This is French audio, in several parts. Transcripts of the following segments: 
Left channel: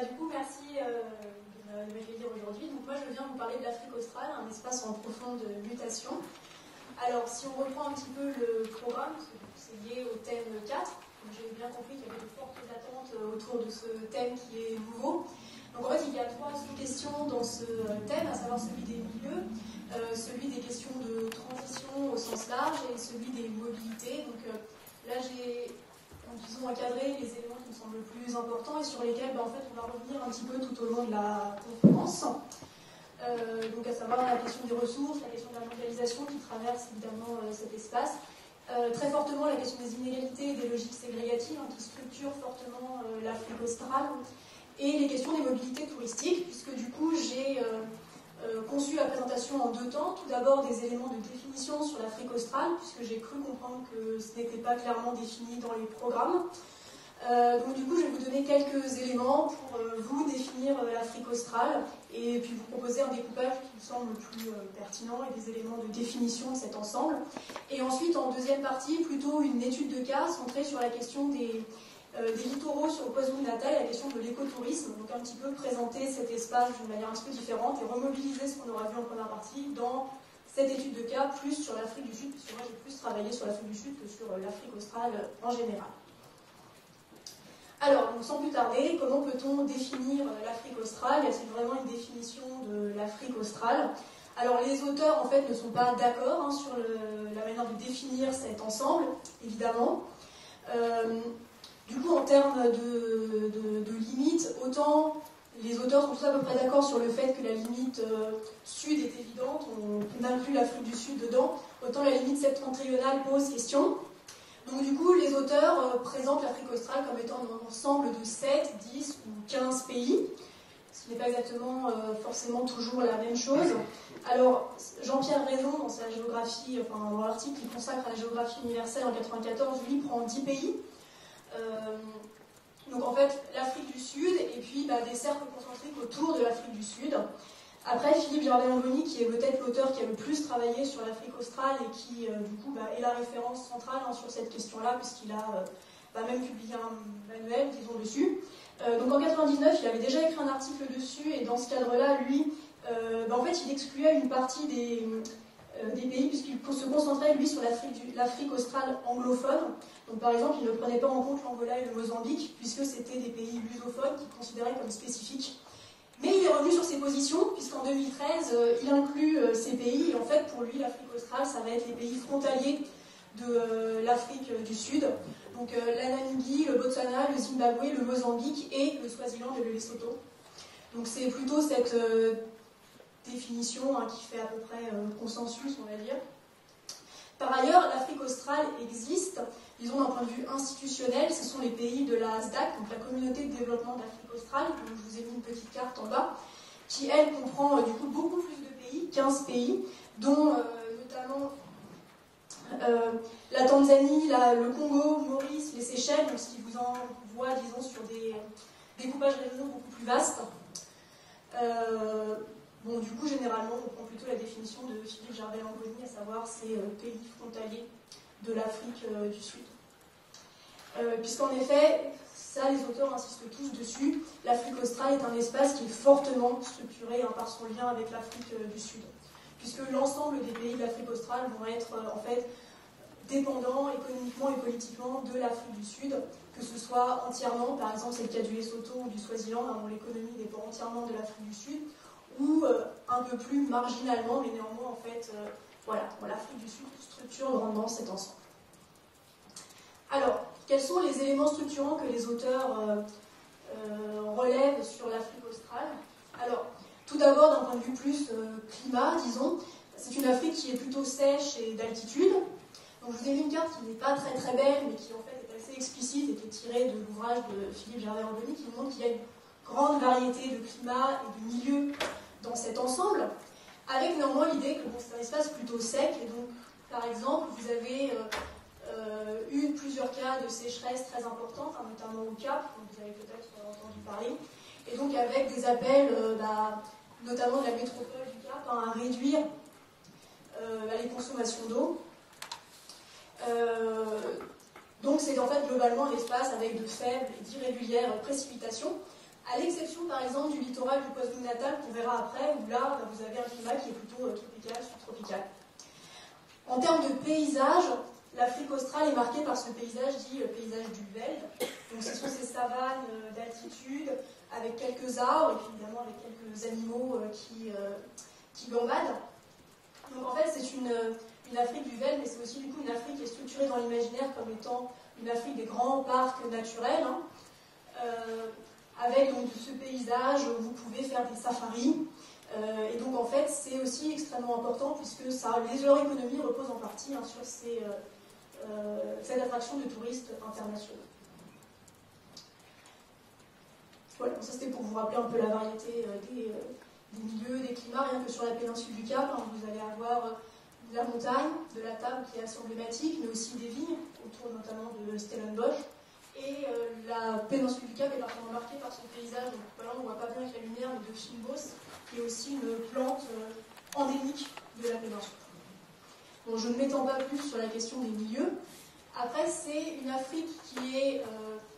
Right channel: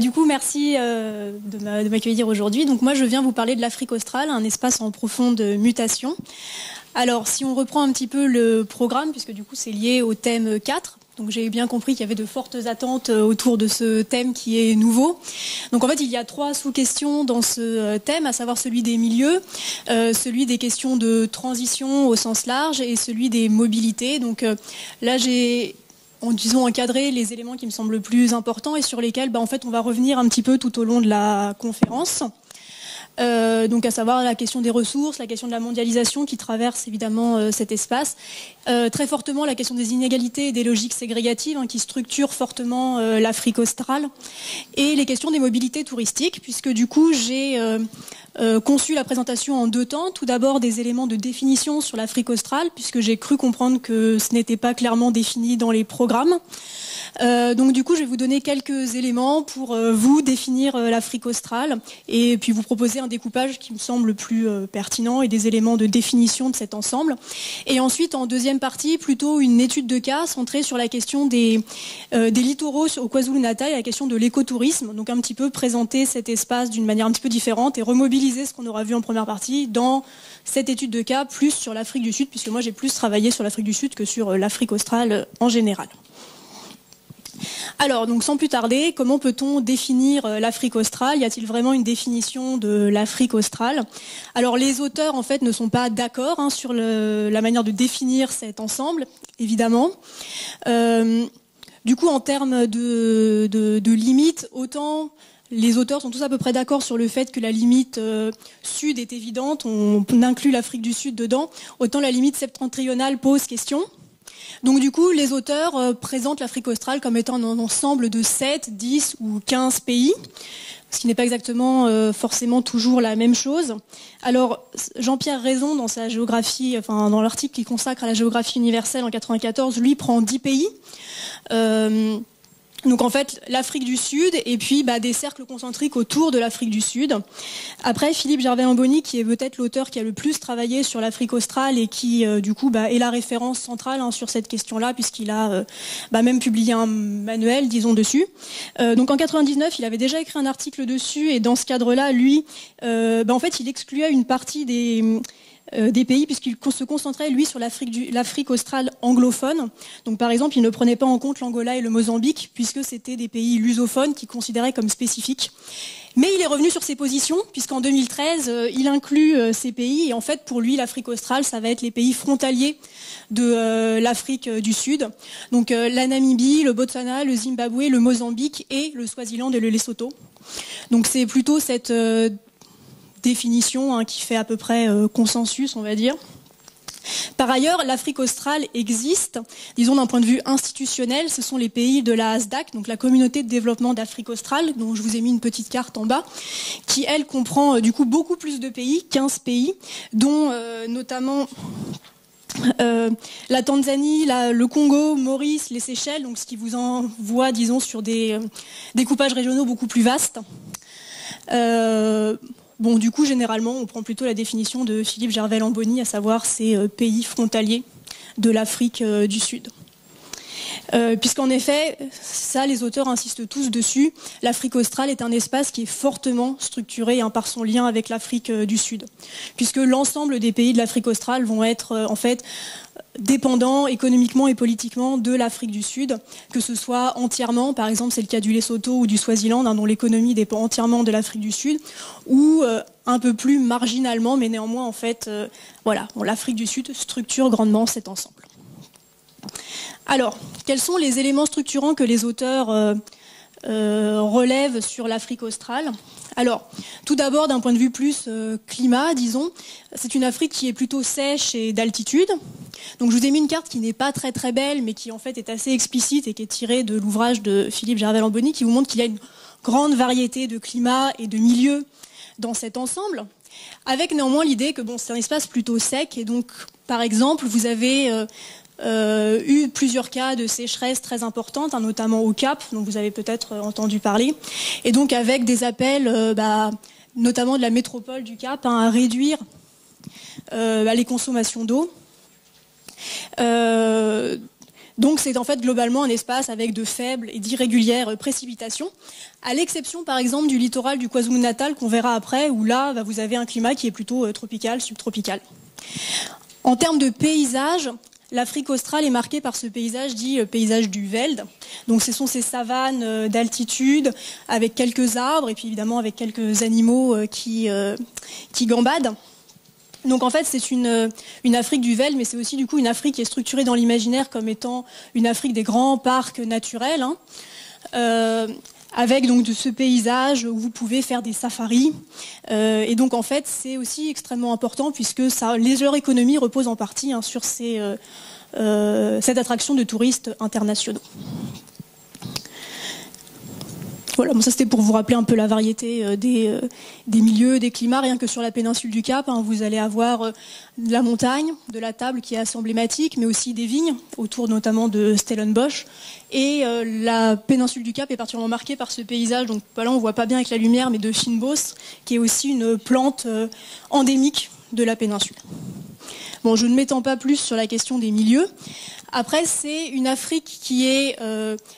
Du coup, merci de m'accueillir aujourd'hui. Donc moi, je viens vous parler de l'Afrique australe, un espace en profonde mutation. Alors, si on reprend un petit peu le programme, puisque du coup, c'est lié au thème 4, donc j'ai bien compris qu'il y avait de fortes attentes autour de ce thème qui est nouveau. Donc en fait, il y a 3 sous-questions dans ce thème, à savoir celui des milieux, celui des questions de transition au sens large et celui des mobilités. Donc là, j'ai disons encadré les éléments qui me semblent le plus importants et sur lesquels en fait, on va revenir un petit peu tout au long de la conférence. Donc à savoir la question des ressources, la question de la mondialisation qui traverse évidemment cet espace, très fortement la question des inégalités et des logiques ségrégatives qui structurent fortement l'Afrique australe, et les questions des mobilités touristiques, puisque du coup j'ai conçu la présentation en 2 temps. Tout d'abord des éléments de définition sur l'Afrique australe, puisque j'ai cru comprendre que ce n'était pas clairement défini dans les programmes. Donc du coup, je vais vous donner quelques éléments pour vous définir l'Afrique australe et puis vous proposer un découpage qui me semble plus pertinent et des éléments de définition de cet ensemble. Et ensuite, en deuxième partie, plutôt une étude de cas centrée sur la question des littoraux au KwaZulu-Natal et la question de l'écotourisme. Donc un petit peu présenter cet espace d'une manière un petit peu différente et remobiliser ce qu'on aura vu en première partie dans cette étude de cas, plus sur l'Afrique du Sud, puisque moi j'ai plus travaillé sur l'Afrique du Sud que sur l'Afrique australe en général. Alors, donc sans plus tarder, comment peut-on définir l'Afrique australe? Y a-t-il vraiment une définition de l'Afrique australe? Alors, les auteurs, en fait, ne sont pas d'accord sur la manière de définir cet ensemble, évidemment. Du coup, en termes de limites, autant les auteurs sont tous à peu près d'accord sur le fait que la limite sud est évidente, on inclut l'Afrique du Sud dedans, autant la limite septentrionale pose question. Donc du coup, les auteurs présentent l'Afrique australe comme étant un ensemble de 7, 10 ou 15 pays, ce qui n'est pas exactement forcément toujours la même chose. Alors, Jean-Pierre Raison, dans sa géographie, enfin dans l'article qu'il consacre à la géographie universelle en 1994, lui prend 10 pays. Donc en fait, l'Afrique du Sud et puis des cercles concentriques autour de l'Afrique du Sud. Après, Philippe Gervais-Lamboni, qui est peut-être l'auteur qui a le plus travaillé sur l'Afrique australe et qui, du coup, est la référence centrale sur cette question-là, puisqu'il a même publié un manuel, disons, dessus. Donc en 99, il avait déjà écrit un article dessus, et dans ce cadre-là, lui, en fait, il excluait une partie des pays, puisqu'il se concentrait, lui, sur l'Afrique australe anglophone. Donc, par exemple, il ne prenait pas en compte l'Angola et le Mozambique, puisque c'était des pays lusophones qu'il considérait comme spécifiques. Mais il est revenu sur ses positions, puisqu'en 2013, il inclut ces pays. Et en fait, pour lui, l'Afrique australe, ça va être les pays frontaliers de l'Afrique du Sud. Donc, la Namibie, le Botswana, le Zimbabwe, le Mozambique et le Swaziland et le Lesotho. Donc, c'est plutôt cette définition qui fait à peu près consensus, on va dire. Par ailleurs, l'Afrique australe existe, disons d'un point de vue institutionnel, ce sont les pays de la ASDAC, donc la communauté de développement d'Afrique australe, dont je vous ai mis une petite carte en bas, qui elle comprend du coup beaucoup plus de pays, 15 pays, dont notamment la Tanzanie, le Congo, Maurice, les Seychelles, donc ce qui vous envoie, disons, sur des découpages régionaux beaucoup plus vastes. Bon, du coup, généralement, on prend plutôt la définition de Philippe Gervais-Lamboni, à savoir ces pays frontaliers de l'Afrique du Sud. Puisqu'en effet, ça, les auteurs insistent tous dessus, l'Afrique australe est un espace qui est fortement structuré par son lien avec l'Afrique du Sud. Puisque l'ensemble des pays de l'Afrique australe vont être, en fait, dépendants économiquement et politiquement de l'Afrique du Sud, que ce soit entièrement, par exemple c'est le cas du Lesotho ou du Swaziland, dont l'économie dépend entièrement de l'Afrique du Sud, ou un peu plus marginalement, mais néanmoins en fait, l'Afrique du Sud structure grandement cet ensemble. Alors, quels sont les éléments structurants que les auteurs relèvent sur l'Afrique australe? Alors, tout d'abord, d'un point de vue plus climat, disons, c'est une Afrique qui est plutôt sèche et d'altitude. Donc je vous ai mis une carte qui n'est pas très très belle, mais qui en fait est assez explicite et qui est tirée de l'ouvrage de Philippe Gervais-Lamboni, qui vous montre qu'il y a une grande variété de climats et de milieux dans cet ensemble, avec néanmoins l'idée que c'est un espace plutôt sec, et donc par exemple vous avez eu plusieurs cas de sécheresse très importantes, notamment au Cap, dont vous avez peut-être entendu parler, et donc avec des appels notamment de la métropole du Cap à réduire les consommations d'eau. Donc c'est en fait globalement un espace avec de faibles et d'irrégulières précipitations, à l'exception par exemple du littoral du KwaZulu-Natal qu'on verra après, où là vous avez un climat qui est plutôt tropical, subtropical. En termes de paysage, l'Afrique australe est marquée par ce paysage dit paysage du Veld. Donc ce sont ces savanes d'altitude avec quelques arbres et puis évidemment avec quelques animaux qui gambadent. Donc en fait c'est une Afrique du Veld, mais c'est aussi du coup une Afrique qui est structurée dans l'imaginaire comme étant une Afrique des grands parcs naturels, avec donc de ce paysage où vous pouvez faire des safaris. Et donc en fait c'est aussi extrêmement important puisque leur économie repose en partie sur cette attraction de touristes internationaux. Voilà, bon, ça c'était pour vous rappeler un peu la variété des milieux, des climats. Rien que sur la péninsule du Cap, vous allez avoir de la montagne, de la table qui est assez emblématique, mais aussi des vignes, autour notamment de Stellenbosch. Et la péninsule du Cap est particulièrement marquée par ce paysage, donc là on ne voit pas bien avec la lumière, mais de fynbos, qui est aussi une plante endémique de la péninsule. Bon, je ne m'étends pas plus sur la question des milieux. Après, c'est une Afrique qui est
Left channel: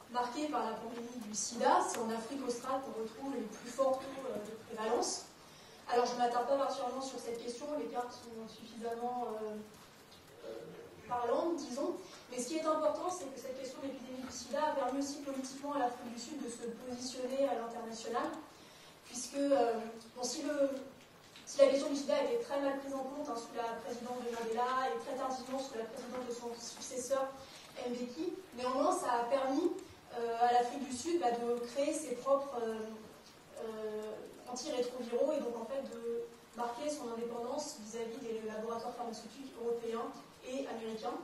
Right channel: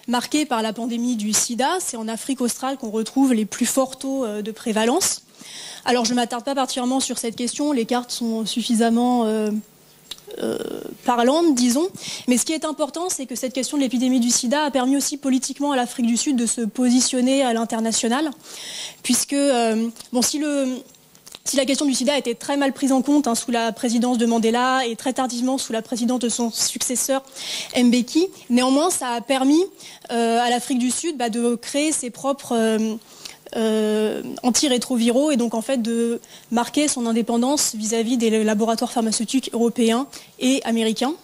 marquée par la pandémie du sida. C'est en Afrique australe qu'on retrouve les plus forts taux de prévalence. Alors, je ne m'attarde pas particulièrement sur cette question. Les cartes sont suffisamment parlantes, disons. Mais ce qui est important, c'est que cette question de l'épidémie du sida a permis aussi politiquement à l'Afrique du Sud de se positionner à l'international. Puisque, si la question du sida a été très mal prise en compte sous la présidence de Mandela et très tardivement sous la présidence de son successeur Mbeki, néanmoins ça a permis à l'Afrique du Sud de créer ses propres antirétroviraux et donc en fait de marquer son indépendance vis-à-vis des laboratoires pharmaceutiques européens et américains.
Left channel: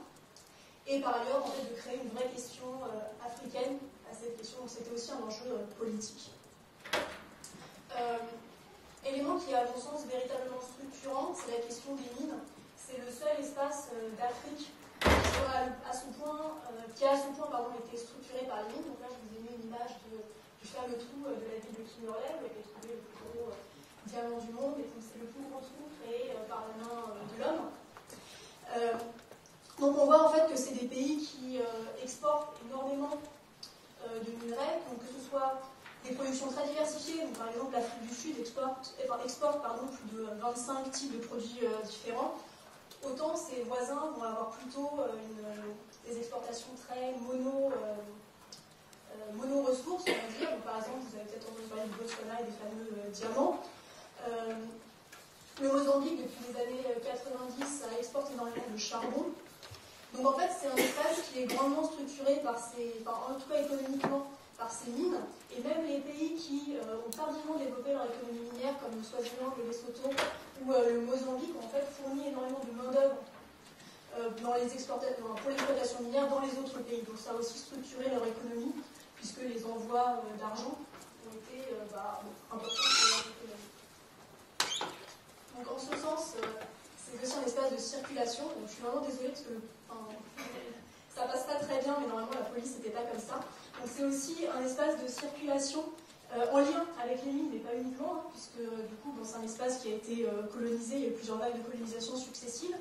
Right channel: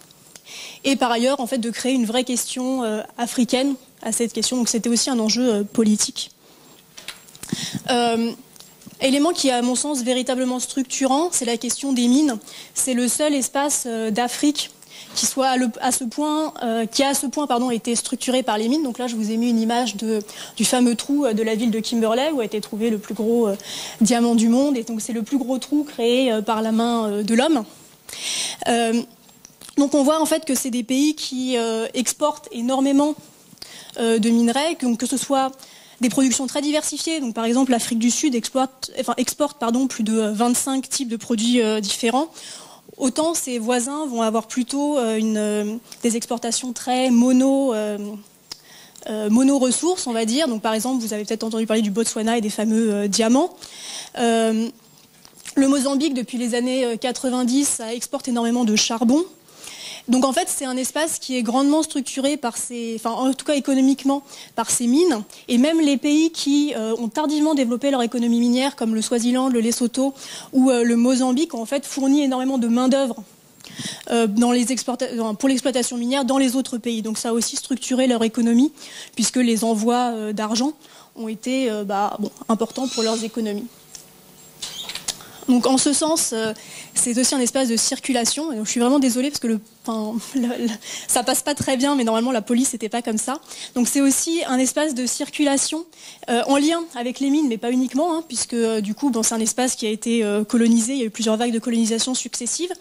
Et par ailleurs en fait de créer une vraie question africaine à cette question, donc c'était aussi un enjeu politique. Élément qui est à mon sens véritablement structurant, c'est la question des mines. C'est le seul espace d'Afrique qui a à ce point été structuré par les mines. Donc là, je vous ai mis une image du fameux trou de la ville de Kimberley où a été trouvé le plus gros diamant du monde. Et donc c'est le plus gros trou créé par la main de l'homme. Donc on voit en fait que c'est des pays qui exportent énormément de minerais, que ce soit des productions très diversifiées. Donc, par exemple, l'Afrique du Sud exporte plus de 25 types de produits différents. Autant ses voisins vont avoir plutôt des exportations très mono-ressources, on va dire. Donc, par exemple, vous avez peut-être entendu parler du Botswana et des fameux diamants. Le Mozambique, depuis les années 90, ça exporte énormément de charbon. Donc en fait, c'est un espace qui est grandement structuré en tout cas économiquement, par ces mines. Et même les pays qui ont tardivement développé leur économie minière, comme le Swaziland, le Lesotho ou le Mozambique, ont en fait fourni énormément de main-d'œuvre pour l'exploitation minière dans les autres pays. Donc ça a aussi structuré leur économie, puisque les envois d'argent ont été importants pour leurs économies. Donc en ce sens, c'est aussi un espace de circulation. Et donc, je suis vraiment désolée parce que ça passe pas très bien, mais normalement la police n'était pas comme ça. Donc c'est aussi un espace de circulation en lien avec les mines, mais pas uniquement, puisque du coup c'est un espace qui a été colonisé. Il y a eu plusieurs vagues de colonisation successives.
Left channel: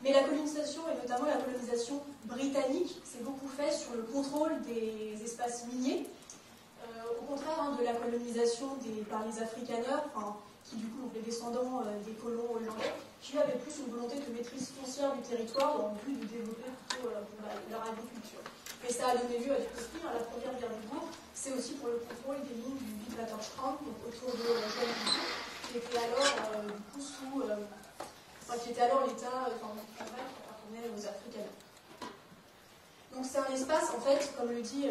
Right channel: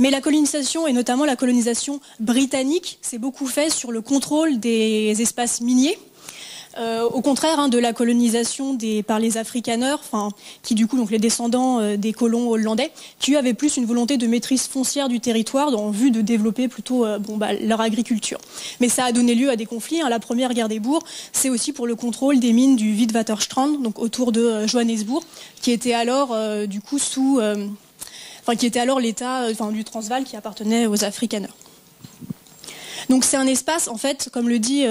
Mais la colonisation, et notamment la colonisation britannique, s'est beaucoup fait sur le contrôle des espaces miniers. Au contraire de la colonisation par les Afrikaners, qui du coup, donc les descendants des colons hollandais, qui avaient plus une volonté de maîtrise foncière du territoire en vue de développer plutôt leur agriculture. Mais ça a donné lieu à des conflits. La première guerre des bourgs, c'est aussi pour le contrôle des mines du Witwatersrand, donc autour de Johannesburg, qui était alors qui était alors l'État du Transvaal qui appartenait aux Afrikaners. Donc c'est un espace, en fait, comme le dit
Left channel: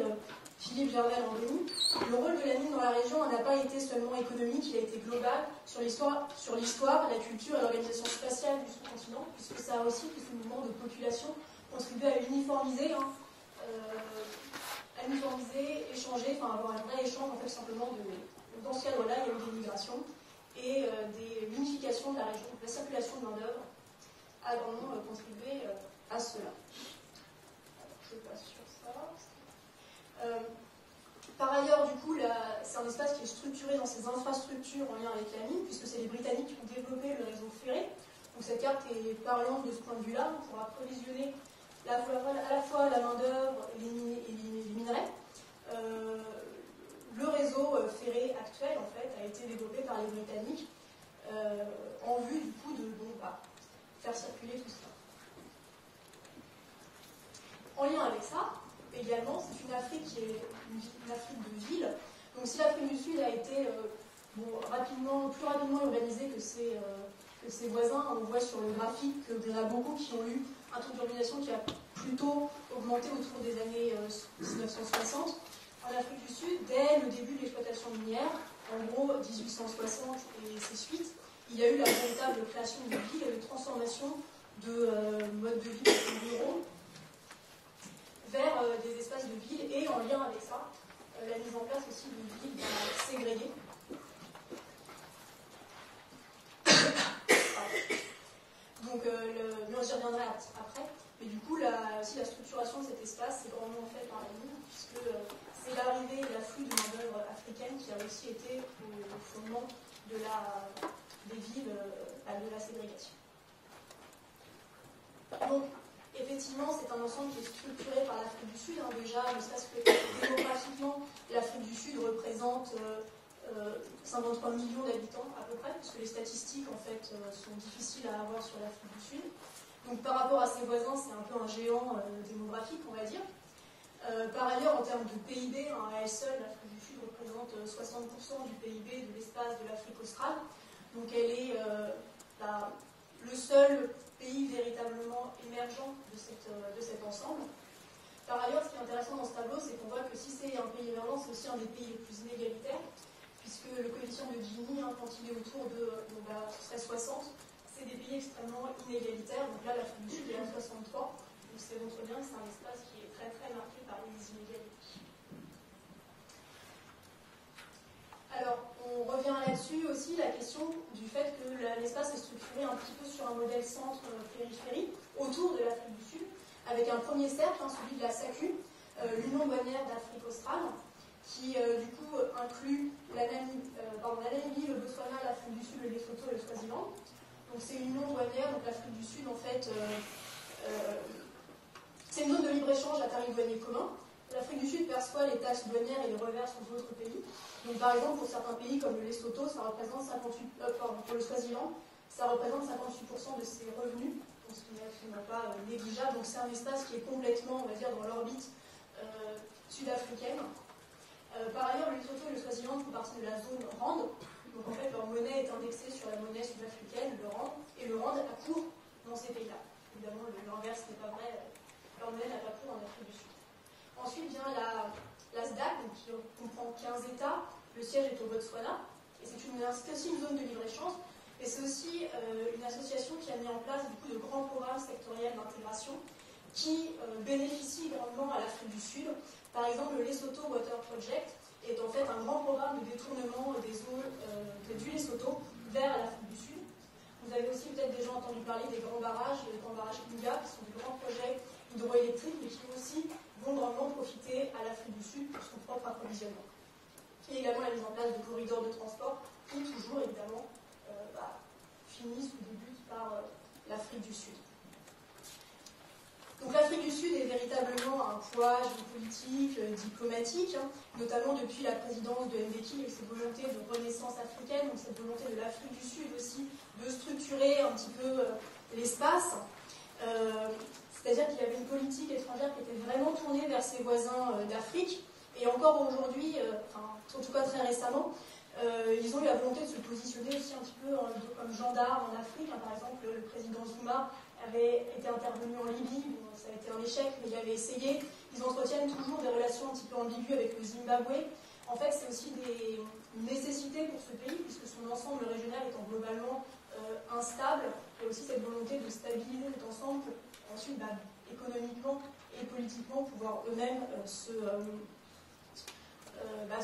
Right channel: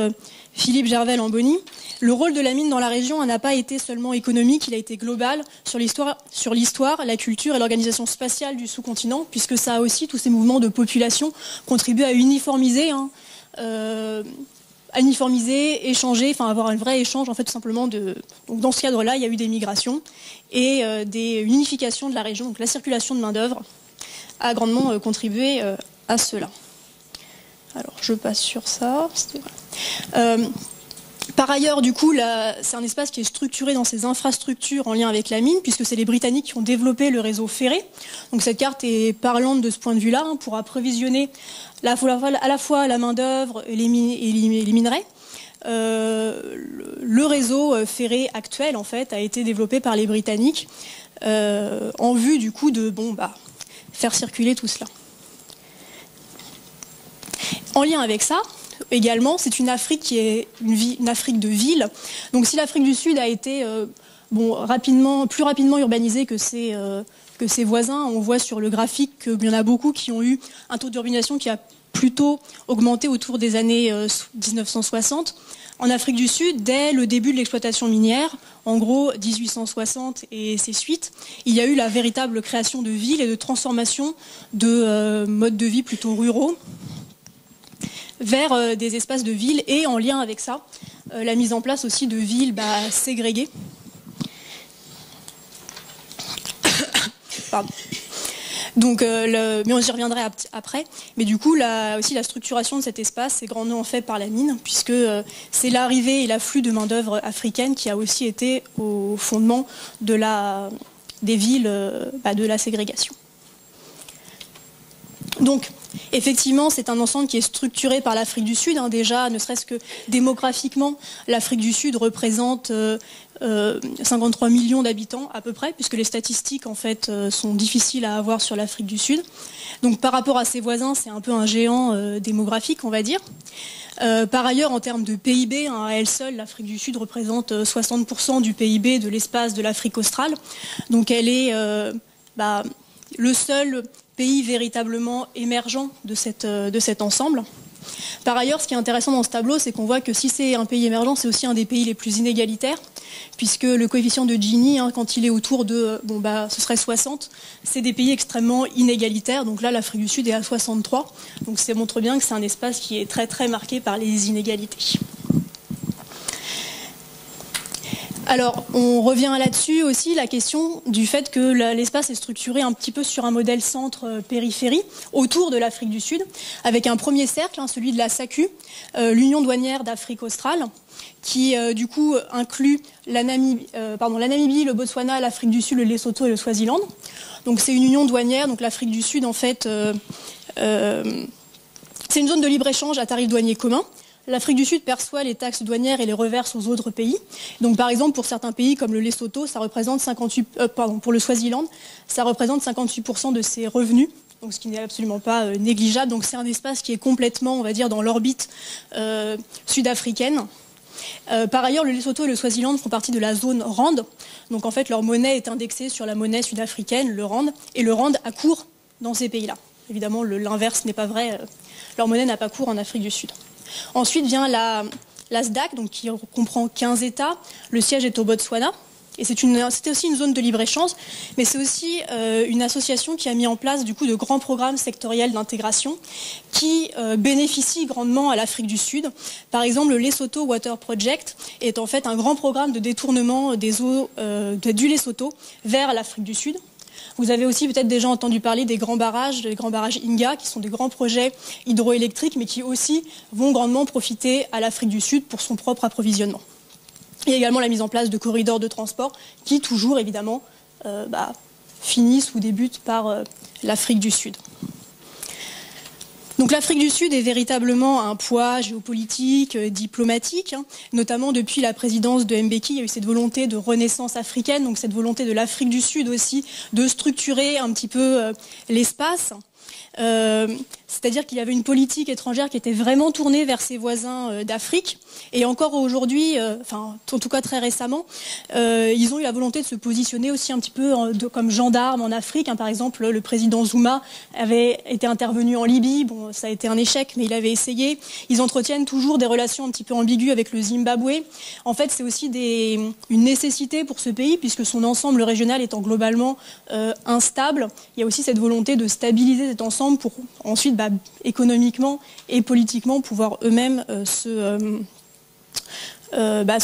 Philippe Gervais-Lamboni, le rôle de la mine dans la région n'a pas été seulement économique, il a été global sur l'histoire, la culture et l'organisation spatiale du sous-continent, puisque ça a aussi, tous ces mouvements de population, contribué à uniformiser, échanger, avoir un vrai échange, en fait, tout simplement. Donc, dans ce cadre-là, il y a eu des migrations et une unification de la région. Donc la circulation de main-d'œuvre a grandement contribué à cela. Alors, je passe sur ça. Par ailleurs, du coup, c'est un espace qui est structuré dans ses infrastructures en lien avec la mine, puisque c'est les Britanniques qui ont développé le réseau ferré. Donc cette carte est parlante de ce point de vue-là, pour approvisionner à la fois la main-d'œuvre et les minerais. Le réseau ferré actuel, en fait, a été développé par les Britanniques en vue, du coup, de faire circuler tout cela. En lien avec ça, également, c'est une Afrique qui est une Afrique de villes. Donc si l'Afrique du Sud a été plus rapidement urbanisée que ses voisins, on voit sur le graphique qu'il y en a beaucoup qui ont eu un taux d'urbanisation qui a plutôt augmenté autour des années 1960. En Afrique du Sud, dès le début de l'exploitation minière, en gros 1860 et ses suites, il y a eu la véritable création de villes et de transformation de modes de vie plutôt ruraux vers des espaces de villes, et en lien avec ça, la mise en place aussi de villes ségrégées. Pardon. Donc, mais j'y reviendrai après. Mais du coup, aussi la structuration de cet espace est grandement faite par la mine, puisque c'est l'arrivée et l'afflux de main-d'œuvre africaine qui a aussi été au fondement des villes, de la ségrégation. Donc, effectivement, c'est un ensemble qui est structuré par l'Afrique du Sud. Déjà, ne serait-ce que démographiquement, l'Afrique du Sud représente 53 millions d'habitants à peu près, puisque les statistiques en fait sont difficiles à avoir sur l'Afrique du Sud. Donc, par rapport à ses voisins, c'est un peu un géant démographique, on va dire. Par ailleurs, en termes de PIB, à elle seule, l'Afrique du Sud représente 60% du PIB de l'espace de l'Afrique australe. Donc, elle est le seul pays véritablement émergent de cet ensemble. Par ailleurs, ce qui est intéressant dans ce tableau, c'est qu'on voit que si c'est un pays émergent, c'est aussi un des pays les plus inégalitaires, puisque le coefficient de Gini, quand il est autour de, ce serait 60, c'est des pays extrêmement inégalitaires. Donc là, l'Afrique du Sud est à 63. Donc ça montre bien que c'est un espace qui est très très marqué par les inégalités. Alors, on revient là-dessus aussi, la question du fait que l'espace est structuré un petit peu sur un modèle centre-périphérie autour de l'Afrique du Sud, avec un premier cercle, celui de la SACU, l'Union douanière d'Afrique australe, qui du coup inclut la Namibie, le Botswana, l'Afrique du Sud, le Lesotho et le Swaziland. Donc c'est une union douanière, donc l'Afrique du Sud en fait, c'est une zone de libre-échange à tarif douanier commun. L'Afrique du Sud perçoit les taxes douanières et les reverse aux autres pays. Donc, par exemple, pour certains pays comme le Lesotho, ça représente pour le Swaziland, ça représente 58% de ses revenus, donc ce qui n'est absolument pas négligeable. Donc, c'est un espace qui est complètement, on va dire, dans l'orbite sud-africaine. Par ailleurs, le Lesotho et le Swaziland font partie de la zone RAND. Donc, en fait, leur monnaie est indexée sur la monnaie sud-africaine, le RAND, et le RAND a cours dans ces pays-là. Évidemment, l'inverse n'est pas vrai. Leur monnaie n'a pas cours en Afrique du Sud. Ensuite vient la SDAC, donc qui comprend 15 États. Le siège est au Botswana. Et c'était aussi une zone de libre-échange, mais c'est aussi une association qui a mis en place du coup de grands programmes sectoriels d'intégration qui bénéficient grandement à l'Afrique du Sud. Par exemple, le Lesotho Water Project est en fait un grand programme de détournement des eaux du Lesotho vers l'Afrique du Sud. Vous avez aussi peut-être déjà entendu parler des grands barrages Inga, qui sont des grands projets hydroélectriques, mais qui aussi vont grandement profiter à l'Afrique du Sud pour son propre approvisionnement. Il y a également la mise en place de corridors de transport qui, toujours évidemment, finissent ou débutent par l'Afrique du Sud. Donc l'Afrique du Sud est véritablement un poids géopolitique, diplomatique, notamment depuis la présidence de Mbeki. Il y a eu cette volonté de renaissance africaine, donc cette volonté de l'Afrique du Sud aussi de structurer un petit peu l'espace. C'est-à-dire qu'il y avait une politique étrangère qui était vraiment tournée vers ses voisins d'Afrique. Et encore aujourd'hui, en tout cas très récemment, ils ont eu la volonté de se positionner aussi un petit peu comme gendarmes en Afrique. Par exemple, le président Zuma avait été intervenu en Libye. Bon, ça a été un échec, mais il avait essayé. Ils entretiennent toujours des relations un petit peu ambiguës avec le Zimbabwe. En fait, c'est aussi une nécessité pour ce pays, puisque son ensemble régional étant globalement instable. Il y a aussi cette volonté de stabiliser cet ensemble pour ensuite, économiquement et politiquement, pouvoir eux-mêmes se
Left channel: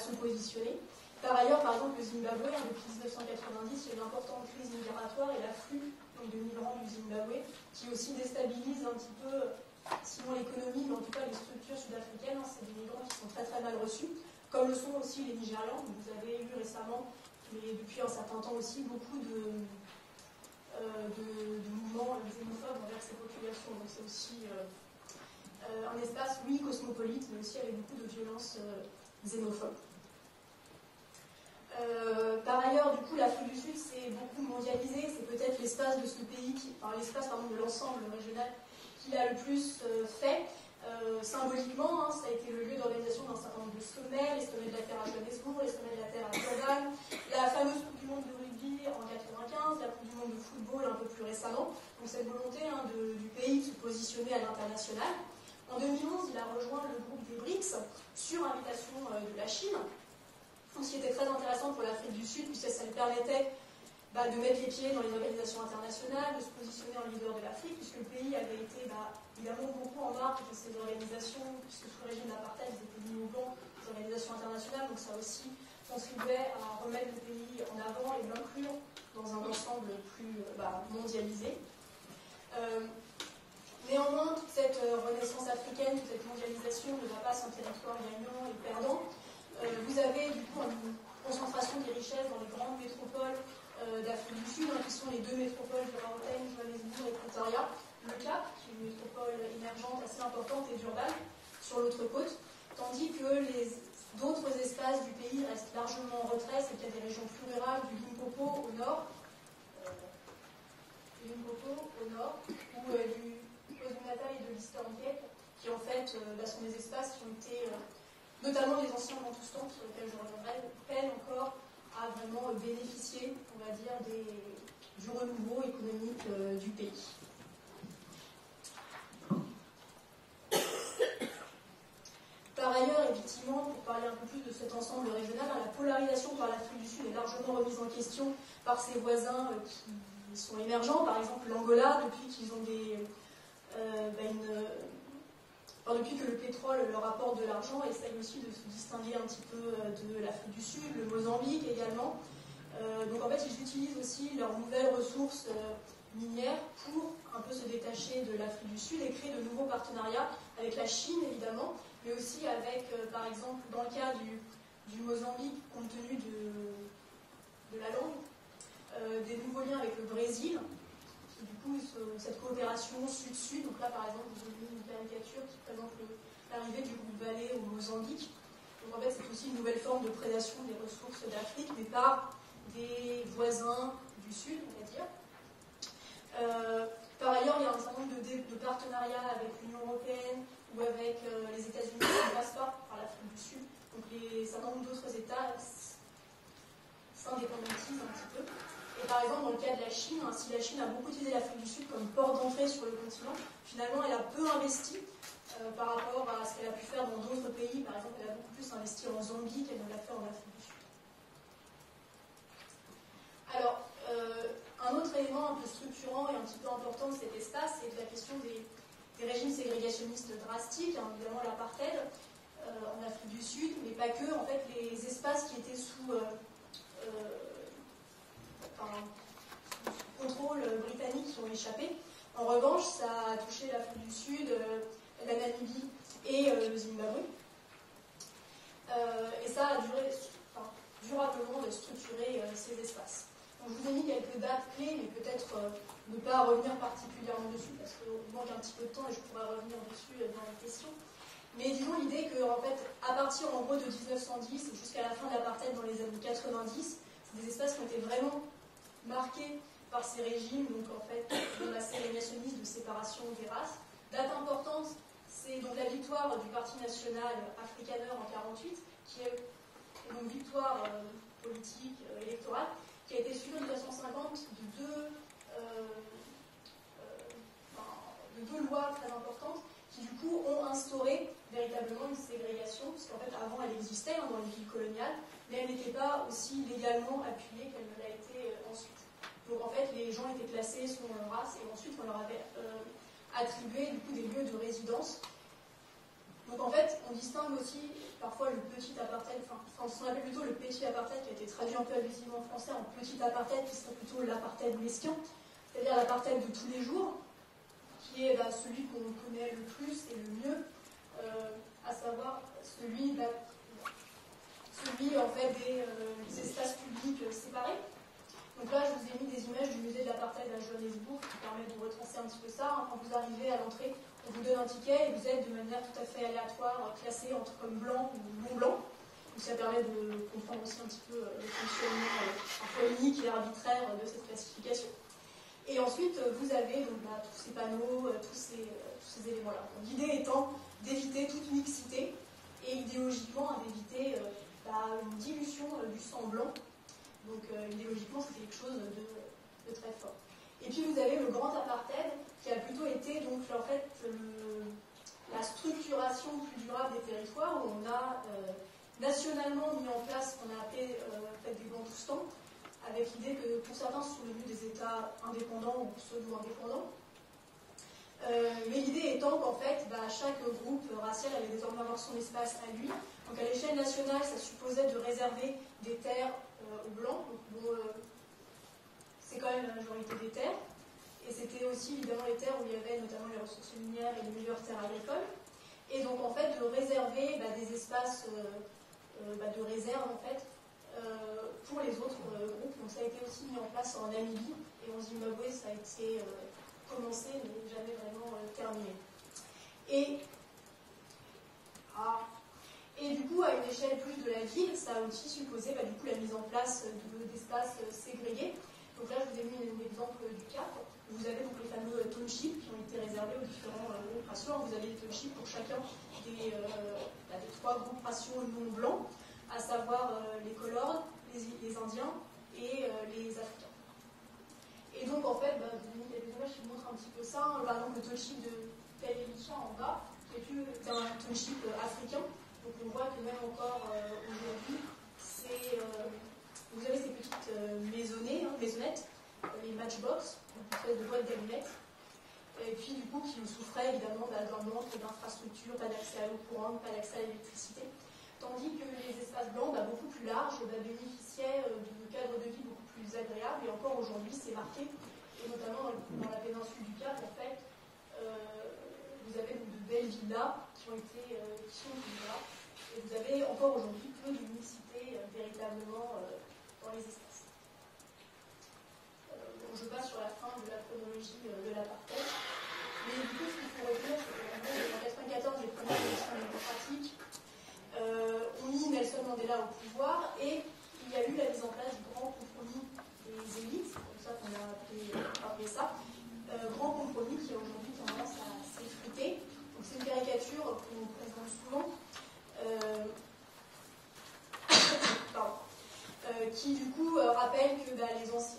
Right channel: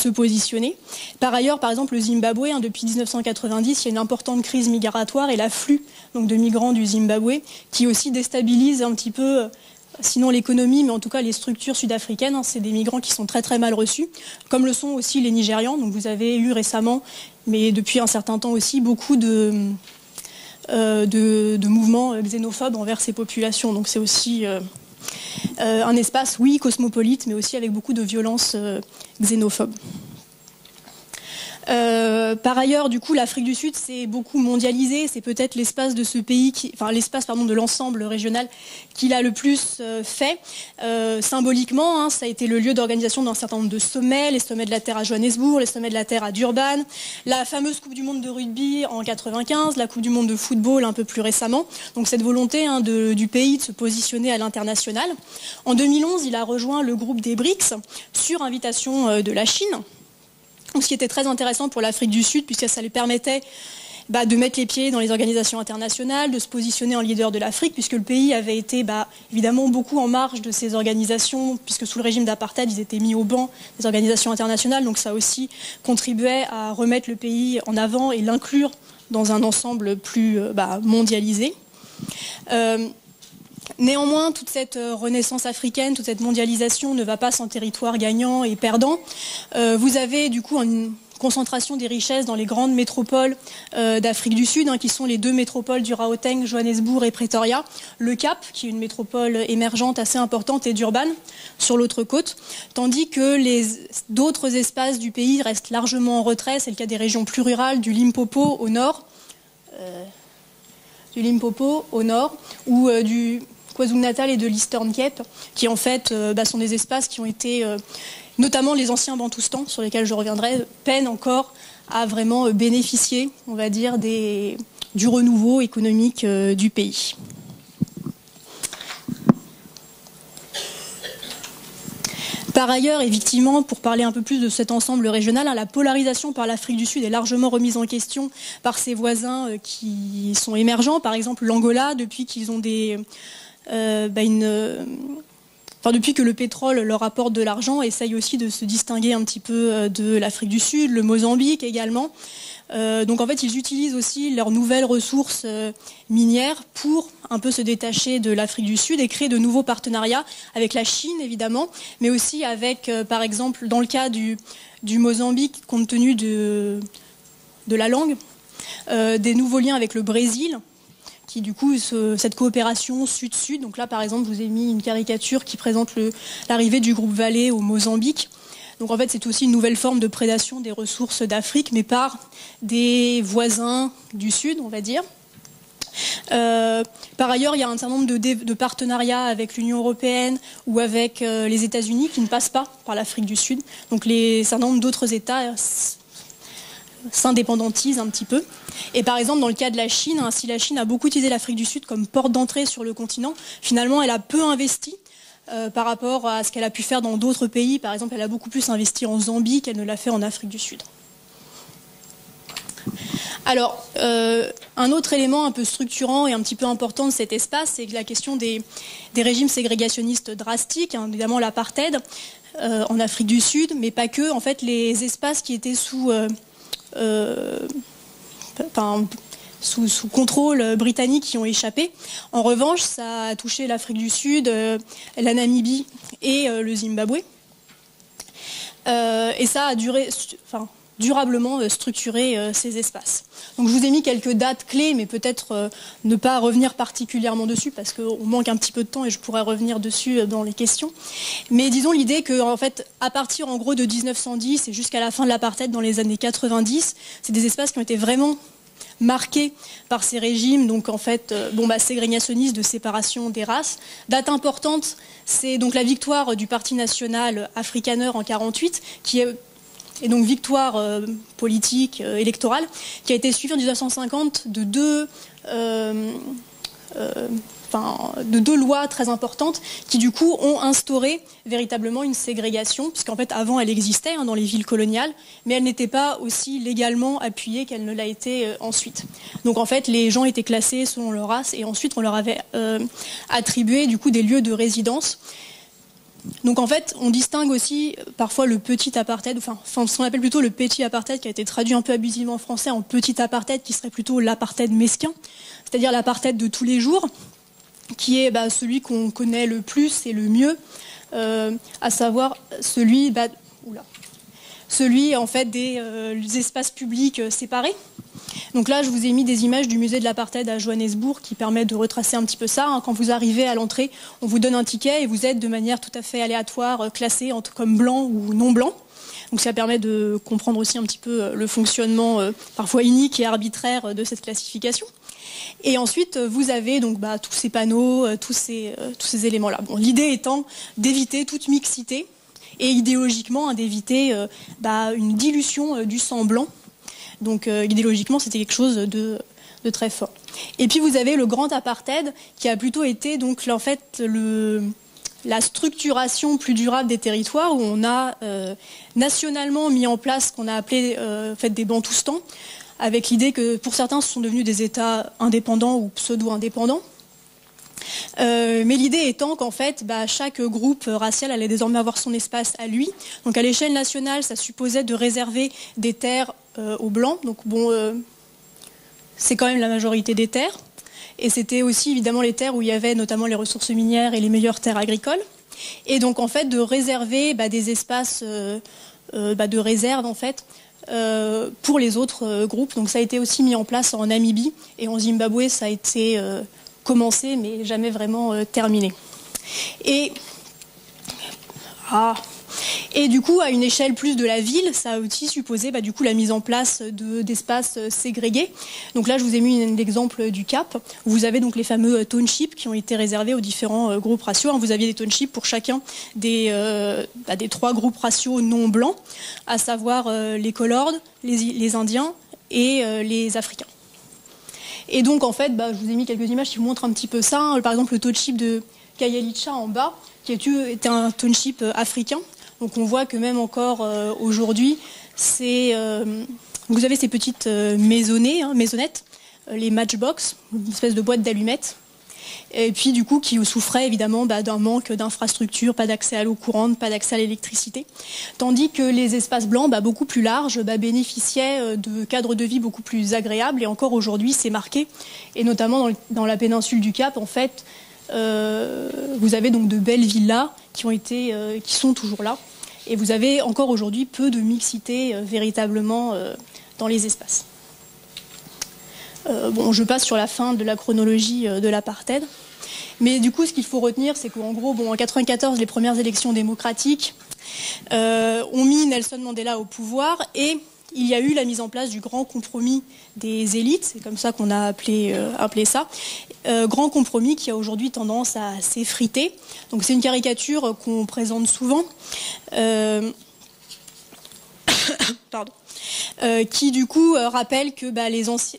positionner. Par ailleurs, par exemple, le Zimbabwe, depuis 1990, il y a une importante crise migratoire et l'afflux de migrants du Zimbabwe qui aussi déstabilise un petit peu sinon l'économie, mais en tout cas les structures sud-africaines. C'est des migrants qui sont très très mal reçus, comme le sont aussi les Nigérians. Donc vous avez eu récemment, mais depuis un certain temps aussi, beaucoup de mouvements xénophobes envers ces populations. Donc c'est aussi un espace, oui, cosmopolite, mais aussi avec beaucoup de violences xénophobes. Par ailleurs, du coup, l'Afrique du Sud s'est beaucoup mondialisée. C'est peut-être l'espace de ce pays, l'espace de l'ensemble régional qui l'a le plus fait. Symboliquement, ça a été le lieu d'organisation d'un certain nombre de sommets, les sommets de la Terre à Johannesburg, les sommets de la Terre à Durban, la fameuse Coupe du Monde de rugby en 95, la Coupe du Monde de football un peu plus récemment. Donc cette volonté du pays de se positionner à l'international. En 2011, il a rejoint le groupe des BRICS sur invitation de la Chine. Ce qui était très intéressant pour l'Afrique du Sud, puisque ça lui permettait de mettre les pieds dans les organisations internationales, de se positionner en leader de l'Afrique, puisque le pays avait été évidemment beaucoup en marge de ces organisations, puisque sous le régime d'apartheid, ils étaient mis au banc des organisations internationales. Donc ça aussi contribuait à remettre le pays en avant et l'inclure dans un ensemble plus mondialisé. Néanmoins, toute cette renaissance africaine, toute cette mondialisation ne va pas sans territoire gagnant et perdant. Vous avez du coup une concentration des richesses dans les grandes métropoles d'Afrique du Sud, qui sont les deux métropoles du Gauteng, Johannesburg et Pretoria. Le Cap, qui est une métropole émergente assez importante, et Durban, sur l'autre côte. Tandis que d'autres espaces du pays restent largement en retrait. C'est le cas des régions plus rurales, du Limpopo au nord, ou du KwaZulu-Natal et de l'Eastern Cape, qui en fait sont des espaces qui ont été, notamment les anciens Bantoustans, sur lesquels je reviendrai, peinent encore à vraiment bénéficier, on va dire, du renouveau économique du pays. Par ailleurs, effectivement, pour parler un peu plus de cet ensemble régional, la polarisation par l'Afrique du Sud est largement remise en question par ses voisins qui sont émergents. Par exemple, l'Angola, depuis qu'ils ont depuis que le pétrole leur apporte de l'argent, essaye aussi de se distinguer un petit peu de l'Afrique du Sud, le Mozambique également. Donc en fait, ils utilisent aussi leurs nouvelles ressources minières pour un peu se détacher de l'Afrique du Sud et créer de nouveaux partenariats avec la Chine, évidemment, mais aussi avec, par exemple, dans le cas du Mozambique, compte tenu de la langue, des nouveaux liens avec le Brésil, qui du coup, cette coopération sud-sud. Donc là, par exemple, je vous ai mis une caricature qui présente l'arrivée du groupe Vale au Mozambique. Donc en fait, c'est aussi une nouvelle forme de prédation des ressources d'Afrique, mais par des voisins du Sud, on va dire. Par ailleurs, il y a un certain nombre de partenariats avec l'Union européenne ou avec les États-Unis qui ne passent pas par l'Afrique du Sud. Donc un certain nombre d'autres États s'indépendantisent un petit peu. Et par exemple, dans le cas de la Chine, si la Chine a beaucoup utilisé l'Afrique du Sud comme porte d'entrée sur le continent, finalement, elle a peu investi par rapport à ce qu'elle a pu faire dans d'autres pays. Par exemple, elle a beaucoup plus investi en Zambie qu'elle ne l'a fait en Afrique du Sud. Alors, un autre élément un peu structurant et un petit peu important de cet espace, c'est la question des régimes ségrégationnistes drastiques, évidemment l'apartheid en Afrique du Sud, mais pas que. En fait, les espaces qui étaient sous contrôle britannique qui ont échappé. En revanche, ça a touché l'Afrique du Sud, la Namibie et le Zimbabwe. Et ça a durablement structuré ces espaces. Donc je vous ai mis quelques dates clés, mais peut-être ne pas revenir particulièrement dessus, parce qu'on manque un petit peu de temps et je pourrais revenir dessus dans les questions. Mais disons l'idée qu'en fait, à partir en gros de 1910 et jusqu'à la fin de l'apartheid dans les années 90, c'est des espaces qui ont été vraiment marqués par ces régimes, donc en fait, ségrégationnistes, de séparation des races. Date importante, c'est donc la victoire du Parti national afrikaner en 1948, et donc victoire politique, électorale, qui a été suivie en 1950 de deux lois très importantes qui du coup ont instauré véritablement une ségrégation, puisqu'en fait avant elle existait dans les villes coloniales, mais elle n'était pas aussi légalement appuyée qu'elle ne l'a été ensuite. Donc en fait les gens étaient classés selon leur race et ensuite on leur avait attribué du coup des lieux de résidence. Donc en fait, on distingue aussi parfois le petit apartheid, ce qu'on appelle plutôt le petit apartheid, qui a été traduit un peu abusivement en français en petit apartheid, qui serait plutôt l'apartheid mesquin, c'est-à-dire l'apartheid de tous les jours, qui est celui qu'on connaît le plus et le mieux, à savoir celui en fait des espaces publics séparés. Donc là, je vous ai mis des images du musée de l'apartheid à Johannesburg qui permettent de retracer un petit peu ça. Quand vous arrivez à l'entrée, on vous donne un ticket et vous êtes de manière tout à fait aléatoire classé comme blanc ou non blanc. Donc ça permet de comprendre aussi un petit peu le fonctionnement parfois inique et arbitraire de cette classification. Et ensuite, vous avez donc tous ces panneaux, tous ces éléments-là. Bon, l'idée étant d'éviter toute mixité et idéologiquement d'éviter une dilution du sang blanc. Donc idéologiquement, c'était quelque chose de très fort. Et puis vous avez le grand apartheid qui a plutôt été donc en fait la structuration plus durable des territoires où on a nationalement mis en place ce qu'on a appelé des Bantoustans, avec l'idée que pour certains ce sont devenus des États indépendants ou pseudo-indépendants. Mais l'idée étant qu'en fait, chaque groupe racial allait désormais avoir son espace à lui. Donc à l'échelle nationale, ça supposait de réserver des terres aux Blancs. Donc bon, c'est quand même la majorité des terres. Et c'était aussi évidemment les terres où il y avait notamment les ressources minières et les meilleures terres agricoles. Et donc en fait, de réserver des espaces de réserve en fait, pour les autres groupes. Donc ça a été aussi mis en place en Namibie et en Zimbabwe, ça a été commencé mais jamais vraiment terminé. Et du coup, à une échelle plus de la ville, ça a aussi supposé du coup la mise en place d'espaces ségrégés. Donc là, je vous ai mis un exemple du Cap. Vous avez donc les fameux townships qui ont été réservés aux différents groupes raciaux. Vous aviez des townships pour chacun des 3 groupes raciaux non blancs, à savoir les Colords, les Indiens et les Africains. Et donc, en fait, je vous ai mis quelques images qui vous montrent un petit peu ça. Par exemple, le township de Kayelicha en bas, qui était un township africain. Donc on voit que même encore aujourd'hui, vous avez ces petites maisonnettes, les matchbox, une espèce de boîte d'allumettes, et puis du coup qui souffraient évidemment d'un manque d'infrastructures, pas d'accès à l'eau courante, pas d'accès à l'électricité, tandis que les espaces blancs, beaucoup plus larges, bénéficiaient de cadres de vie beaucoup plus agréables, et encore aujourd'hui c'est marqué, et notamment dans la péninsule du Cap, en fait, vous avez donc de belles villas qui sont toujours là. Et vous avez encore aujourd'hui peu de mixité véritablement dans les espaces. Je passe sur la fin de la chronologie de l'apartheid. Mais du coup, ce qu'il faut retenir, c'est qu'en gros, en 1994, les premières élections démocratiques ont mis Nelson Mandela au pouvoir et il y a eu la mise en place du grand compromis des élites, c'est comme ça qu'on a appelé ça, grand compromis qui a aujourd'hui tendance à s'effriter. Donc c'est une caricature qu'on présente souvent, qui du coup rappelle que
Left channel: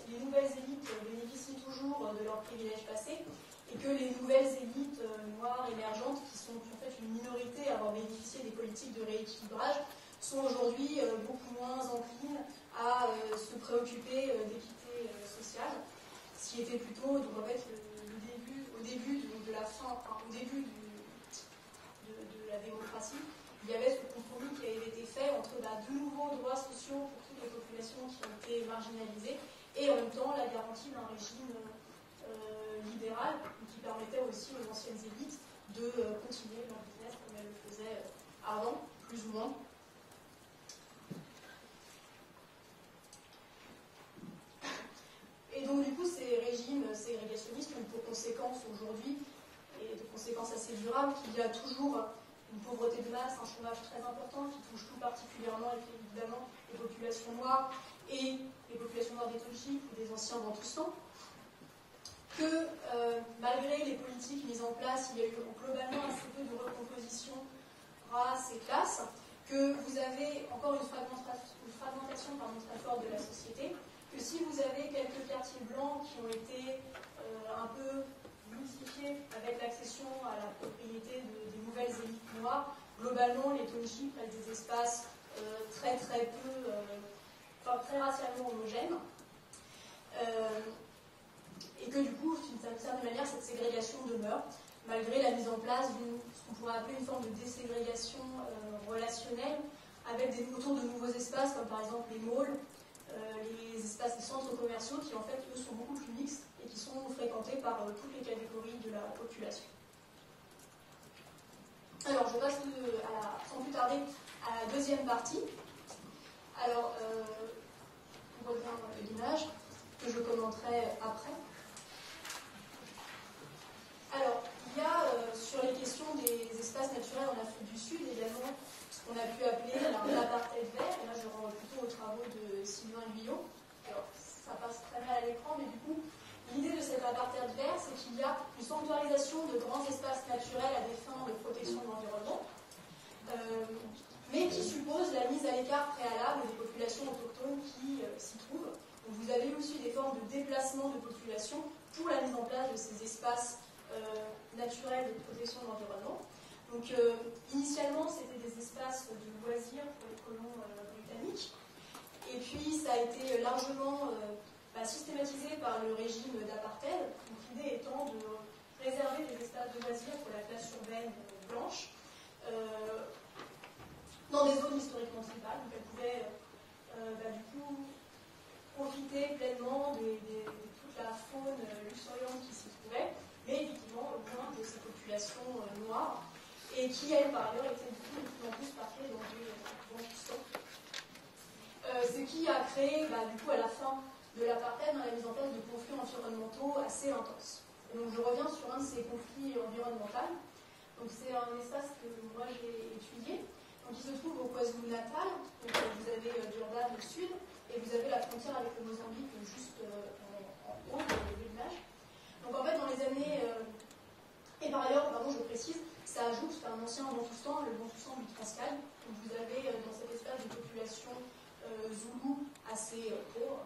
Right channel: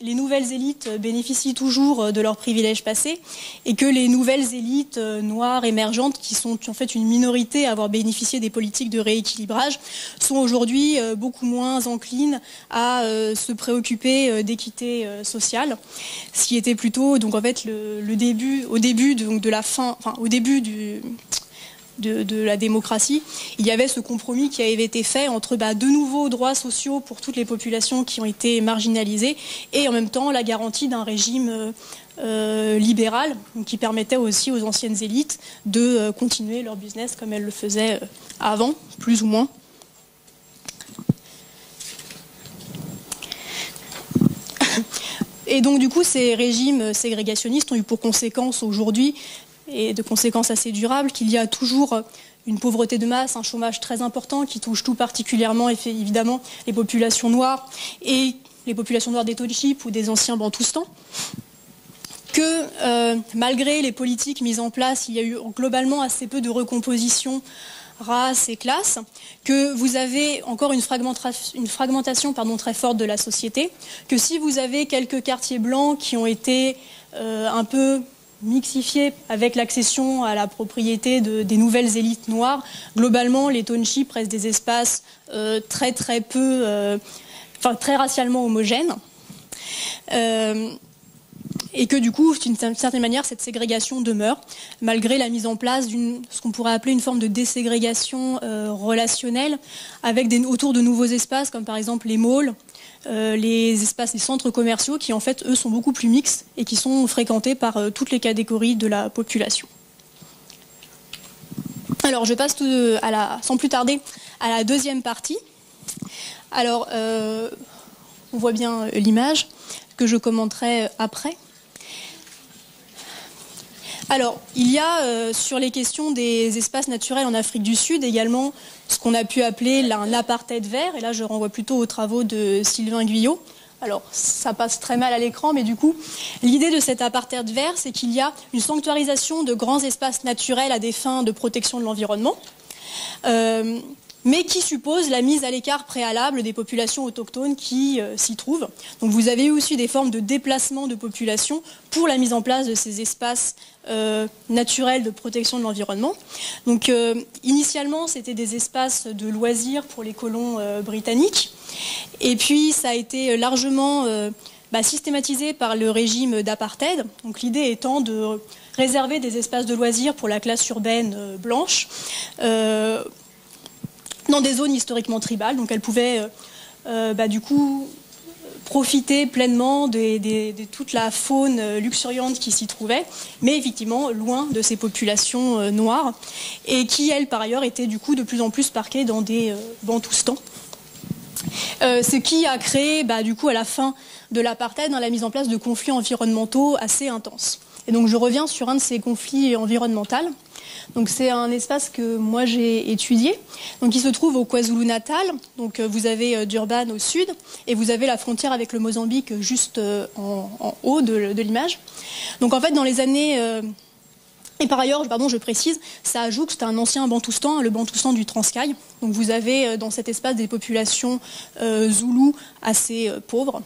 les nouvelles élites bénéficient toujours de leurs privilèges passés et que les nouvelles élites noires émergentes, qui sont en fait une minorité à avoir bénéficié des politiques de rééquilibrage, sont aujourd'hui beaucoup moins enclines à se préoccuper d'équité sociale, ce qui était plutôt donc en fait au début de la démocratie, il y avait ce compromis qui avait été fait entre de nouveaux droits sociaux pour toutes les populations qui ont été marginalisées et en même temps la garantie d'un régime libéral qui permettait aussi aux anciennes élites de continuer leur business comme elles le faisaient avant, plus ou moins. Et donc du coup ces régimes ségrégationnistes ont eu pour conséquence aujourd'hui, et de conséquences assez durables, qu'il y a toujours une pauvreté de masse, un chômage très important qui touche tout particulièrement évidemment les populations noires et les populations noires des townships ou des anciens Bantoustans, que malgré les politiques mises en place, il y a eu globalement assez peu de recomposition race et classe, que vous avez encore une fragmentation très forte de la société, que si vous avez quelques quartiers blancs qui ont été un peu mixifiés avec l'accession à la propriété des nouvelles élites noires, globalement les townships restent des espaces très racialement homogènes. Et que du coup, d'une certaine manière, cette ségrégation demeure, malgré la mise en place ce qu'on pourrait appeler une forme de déségrégation relationnelle, avec autour de nouveaux espaces, comme par exemple les malls, les espaces, les centres commerciaux qui en fait eux sont beaucoup plus mixtes et qui sont fréquentés par toutes les catégories de la population. Alors je passe sans plus tarder à la deuxième partie. Alors on voit bien l'image que je commenterai après. Alors, il y a sur les questions des espaces naturels en Afrique du Sud également ce qu'on a pu appeler un apartheid vert. Et là, je renvoie plutôt aux travaux de Sylvain Guyot. Alors, ça passe très mal à l'écran, mais du coup, l'idée de cet apartheid vert, c'est qu'il y a une sanctuarisation de grands espaces naturels à des fins de protection de l'environnement, mais qui suppose la mise à l'écart préalable des populations autochtones qui s'y trouvent. Donc vous avez eu aussi des formes de déplacement de population pour la mise en place de ces espaces naturels de protection de l'environnement. Donc initialement, c'était des espaces de loisirs pour les colons britanniques. Et puis ça a été largement systématisé par le régime d'apartheid. Donc l'idée étant de réserver des espaces de loisirs pour la classe urbaine blanche, dans des zones historiquement tribales, donc elles pouvaient du coup profiter pleinement de toute la faune luxuriante qui s'y trouvait, mais effectivement loin de ces populations noires, et qui, elles, par ailleurs, étaient du coup de plus en plus parquées dans des bantoustans. Ce qui a créé, du coup, à la fin de l'apartheid, la mise en place de conflits environnementaux assez intenses. Et donc je reviens sur un de ces conflits environnementaux. Donc c'est un espace que moi j'ai étudié. Donc il se trouve au KwaZulu-Natal. Donc vous avez Durban au sud et vous avez la frontière avec le Mozambique juste en haut de l'image. Donc en fait dans les années et par ailleurs, je précise, ça ajoute que c'est un ancien bantoustan, le bantoustan du Transkei. Donc vous avez dans cet espace des populations zoulous assez pauvres.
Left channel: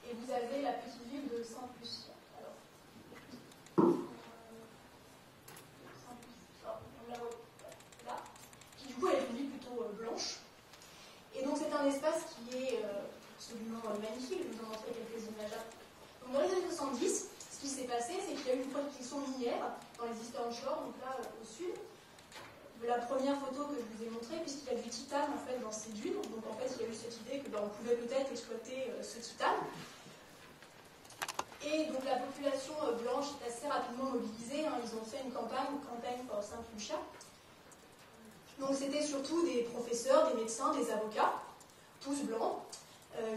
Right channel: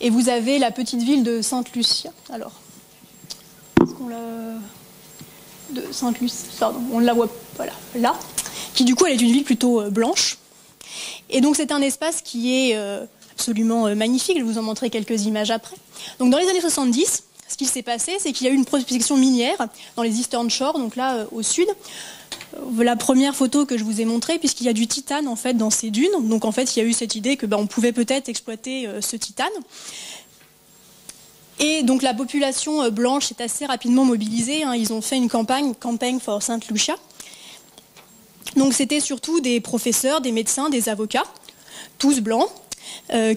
Et vous avez la petite ville de Sainte-Lucia. Alors, est-ce qu'on de Sainte-Lucie, pardon, on la voit voilà, là, qui du coup elle est une ville plutôt blanche. Et donc c'est un espace qui est absolument magnifique, je vais vous en montrer quelques images après. Donc dans les années 70, ce qui s'est passé, c'est qu'il y a eu une prospection minière dans les Eastern Shore, donc là au sud. La première photo que je vous ai montrée, puisqu'il y a du titane en fait dans ces dunes. Donc en fait il y a eu cette idée que on pouvait peut-être exploiter ce titane. Et donc la population blanche s'est assez rapidement mobilisée. Ils ont fait une campagne for Saint Lucia. Donc c'était surtout des professeurs, des médecins, des avocats, tous blancs,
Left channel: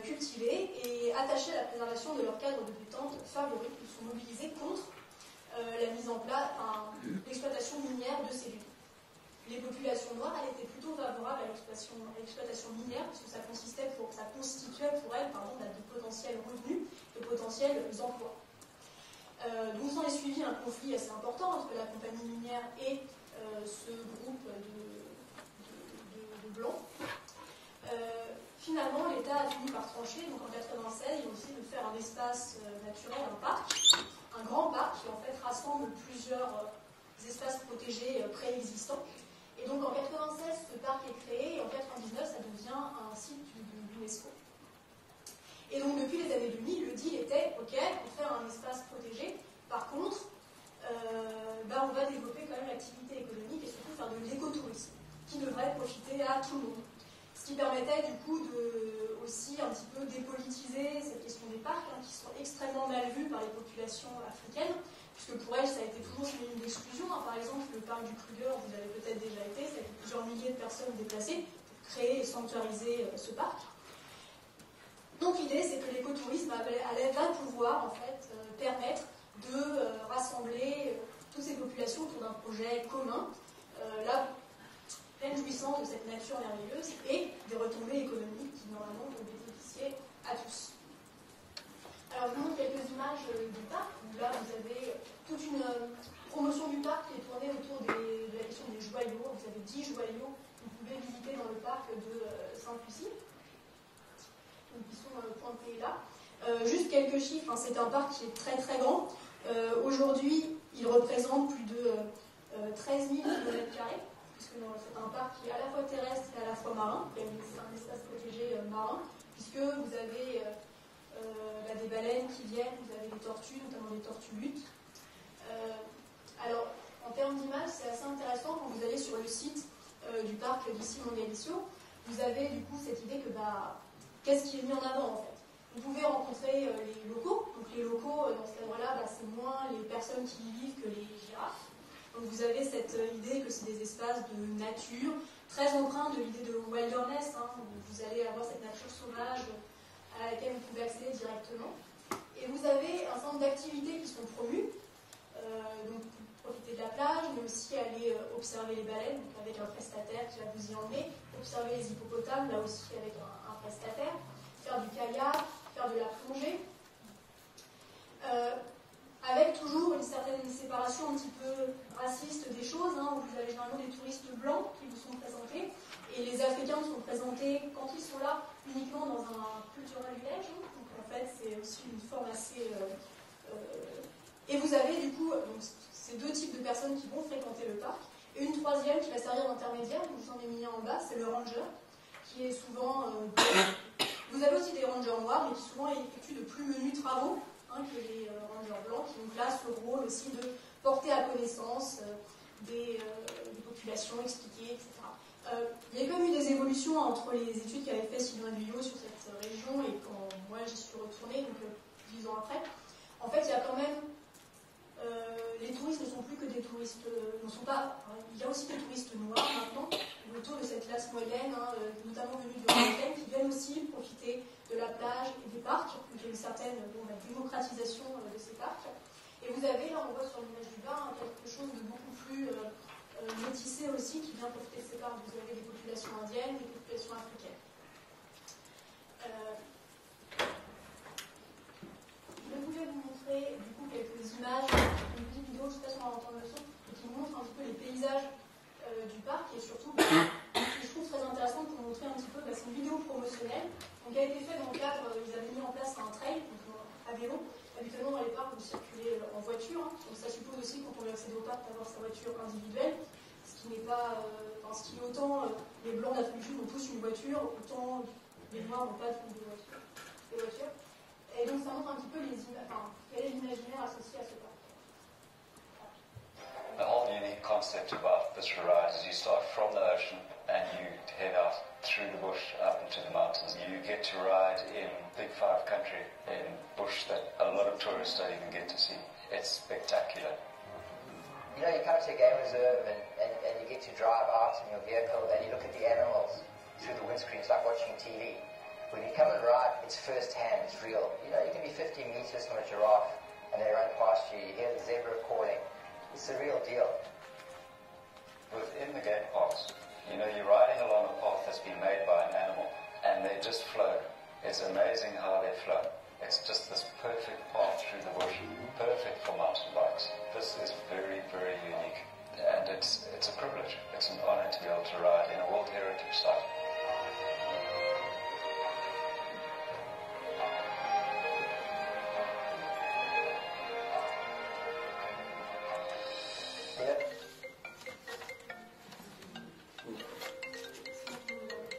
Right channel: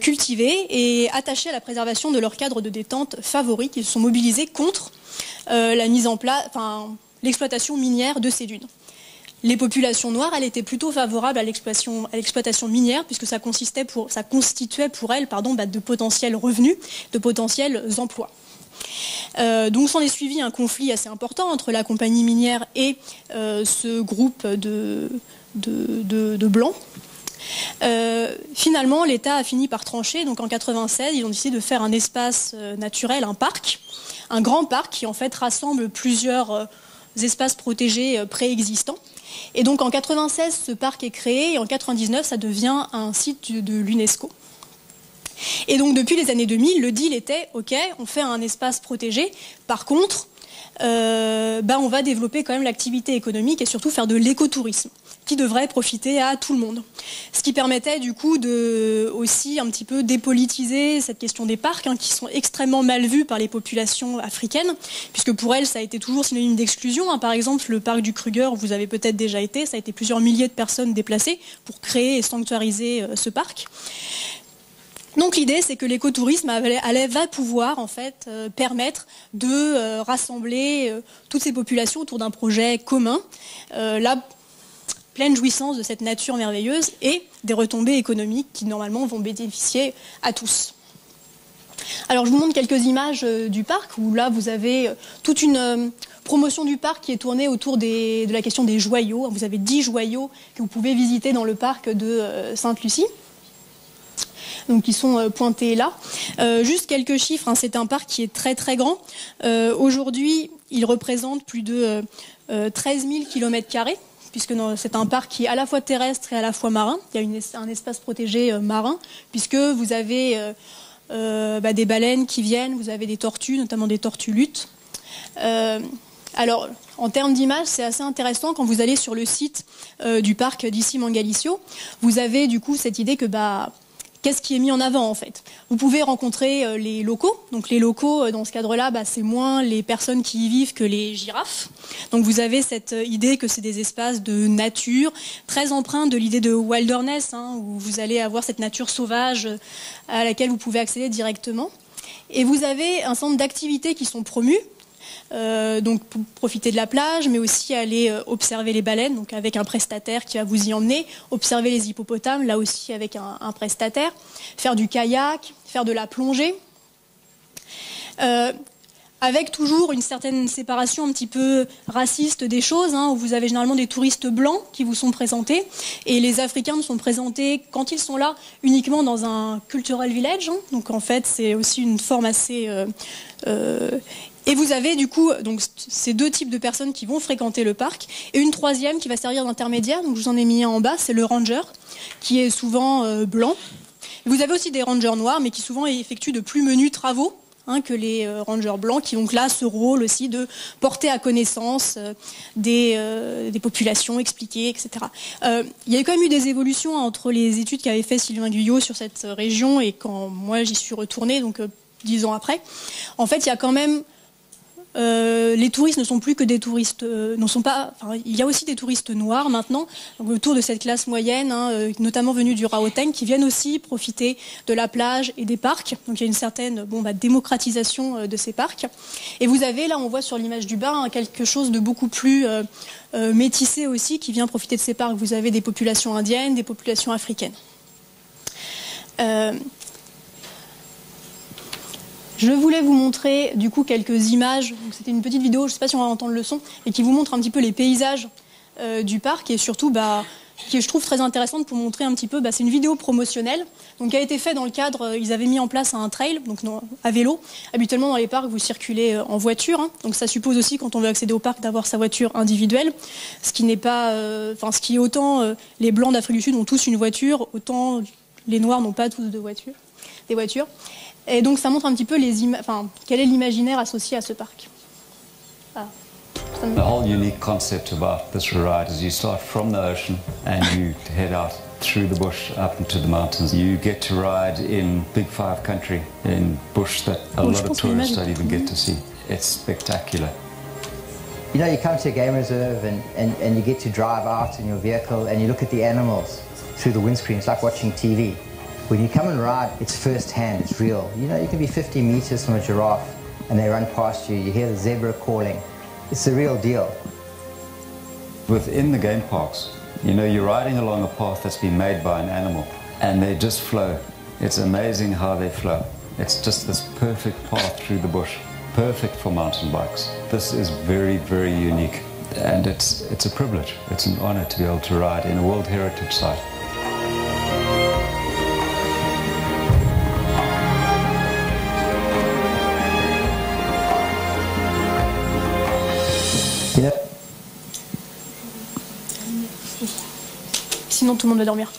cultivés et attachés à la préservation de leur cadre de détente favori, qui se sont mobilisés contre la mise en place, l'exploitation minière de ces dunes. Les populations noires, elles étaient plutôt favorables à l'exploitation minière, puisque ça constituait pour elles de potentiels revenus, de potentiels emplois. Donc s'en est suivi un conflit assez important entre la compagnie minière et ce groupe de blancs. Finalement, l'État a fini par trancher. Donc en 1996, ils ont décidé de faire un espace naturel, un parc, un grand parc qui en fait rassemble plusieurs espaces protégés préexistants. Et donc en 1996, ce parc est créé et en 1999, ça devient un site de l'UNESCO. Et donc depuis les années 2000, le deal était ok, on fait un espace protégé. Par contre, on va développer quand même l'activité économique et surtout faire de l'écotourisme qui devrait profiter à tout le monde. Ce qui permettait du coup de aussi un petit peu dépolitiser cette question des parcs qui sont extrêmement mal vus par les populations africaines, puisque pour elles ça a été toujours synonyme d'exclusion. Par exemple, le parc du Kruger, vous avez peut-être déjà été, ça a été plusieurs milliers de personnes déplacées pour créer et sanctuariser ce parc. Donc l'idée, c'est que l'écotourisme va pouvoir en fait permettre de rassembler toutes ces populations autour d'un projet commun, la pleine jouissance de cette nature merveilleuse et des retombées économiques qui normalement vont bénéficier à tous. Alors je vous montre quelques images du parc où là vous avez toute une promotion du parc qui est tournée autour de la question des joyaux. Vous avez 10 joyaux que vous pouvez visiter dans le parc de Sainte-Lucie. Donc qui sont pointés là. Juste quelques chiffres, c'est un parc qui est très très grand. Aujourd'hui, il représente plus de 13 000 km², puisque c'est un parc qui est à la fois terrestre et à la fois marin. Il y a un espace protégé marin, puisque vous avez des baleines qui viennent, vous avez des tortues, notamment des tortues luttes. Alors, en termes d'image, c'est assez intéressant quand vous allez sur le site du parc d'Issy Mangalisio. Vous avez du coup cette idée que qu'est-ce qui est mis en avant en fait? Vous pouvez rencontrer les locaux. Donc les locaux, dans ce cadre-là, c'est moins les personnes qui y vivent que les girafes. Donc vous avez cette idée que c'est des espaces de nature, très empreints de l'idée de wilderness, où vous allez avoir cette nature sauvage à laquelle vous pouvez accéder directement. Et vous avez un certain nombre d'activités qui sont promues. Donc pour profiter de la plage, mais aussi aller observer les baleines, donc avec un prestataire qui va vous y emmener, observer les hippopotames, là aussi avec un prestataire, faire du kayak, faire de la plongée, avec toujours une certaine séparation un petit peu raciste des choses, où vous avez généralement des touristes blancs qui vous sont présentés, et les Africains sont présentés, quand ils sont là, uniquement dans un cultural village, donc en fait c'est aussi une forme assez... Et vous avez du coup donc, ces deux types de personnes qui vont fréquenter le parc et une troisième qui va servir d'intermédiaire. Donc je vous en ai mis un en bas, c'est le ranger qui est souvent blanc. Vous avez aussi des rangers noirs mais qui souvent effectuent de plus menus travaux que les rangers blancs qui ont là ce rôle aussi de porter à connaissance des populations, expliquer, etc. Il y a quand même eu des évolutions entre les études qu'avait fait Sylvain Guyot sur cette région et quand moi j'y suis retournée, donc 10 ans après. En fait, il y a quand même... les touristes ne sont plus que des touristes, il y a aussi des touristes noirs maintenant, autour de cette classe moyenne, notamment venus du Gauteng, qui viennent aussi profiter de la plage et des parcs. Donc il y a une certaine démocratisation de ces parcs. Et vous avez, là on voit sur l'image du bas, quelque chose de beaucoup plus métissé aussi, qui vient profiter de ces parcs. Vous avez des populations indiennes, des populations africaines. Je voulais vous montrer du coup quelques images. C'était une petite vidéo, je ne sais pas si on va entendre le son, mais qui vous montre un petit peu les paysages du parc et surtout qui je trouve très intéressante pour montrer un petit peu. C'est une vidéo promotionnelle donc, qui a été faite dans le cadre, ils avaient mis en place un trail donc à vélo. Habituellement dans les parcs vous circulez en voiture, donc ça suppose aussi quand on veut accéder au parc d'avoir sa voiture individuelle, ce qui n'est pas, ce qui est autant les blancs d'Afrique du Sud ont tous une voiture, autant les noirs n'ont pas tous des voitures. Et donc ça montre un petit peu quel est l'imaginaire associé à ce parc. The whole unique concept about this ride is you start from the ocean and you head out through the bush up into the mountains. You get to ride in Big Five country, in bush that a lot of tourists don't even get to see. It's spectacular. You know, you come to a game reserve and you get to drive out in your vehicle and you look at the animals through the windscreen. It's like watching TV. When you come and ride, it's first hand, it's real. You know, you can be 50 meters from a giraffe and they run past you, you hear the zebra calling. It's the real deal. Within the game parks, you know, you're riding along a path that's been made by an animal and they just flow. It's amazing how they flow. It's just this perfect path through the bush, perfect for mountain bikes. This is very, very unique and it's a privilege. It's an honor to be able to ride in a World Heritage Site. Sinon tout le monde va dormir.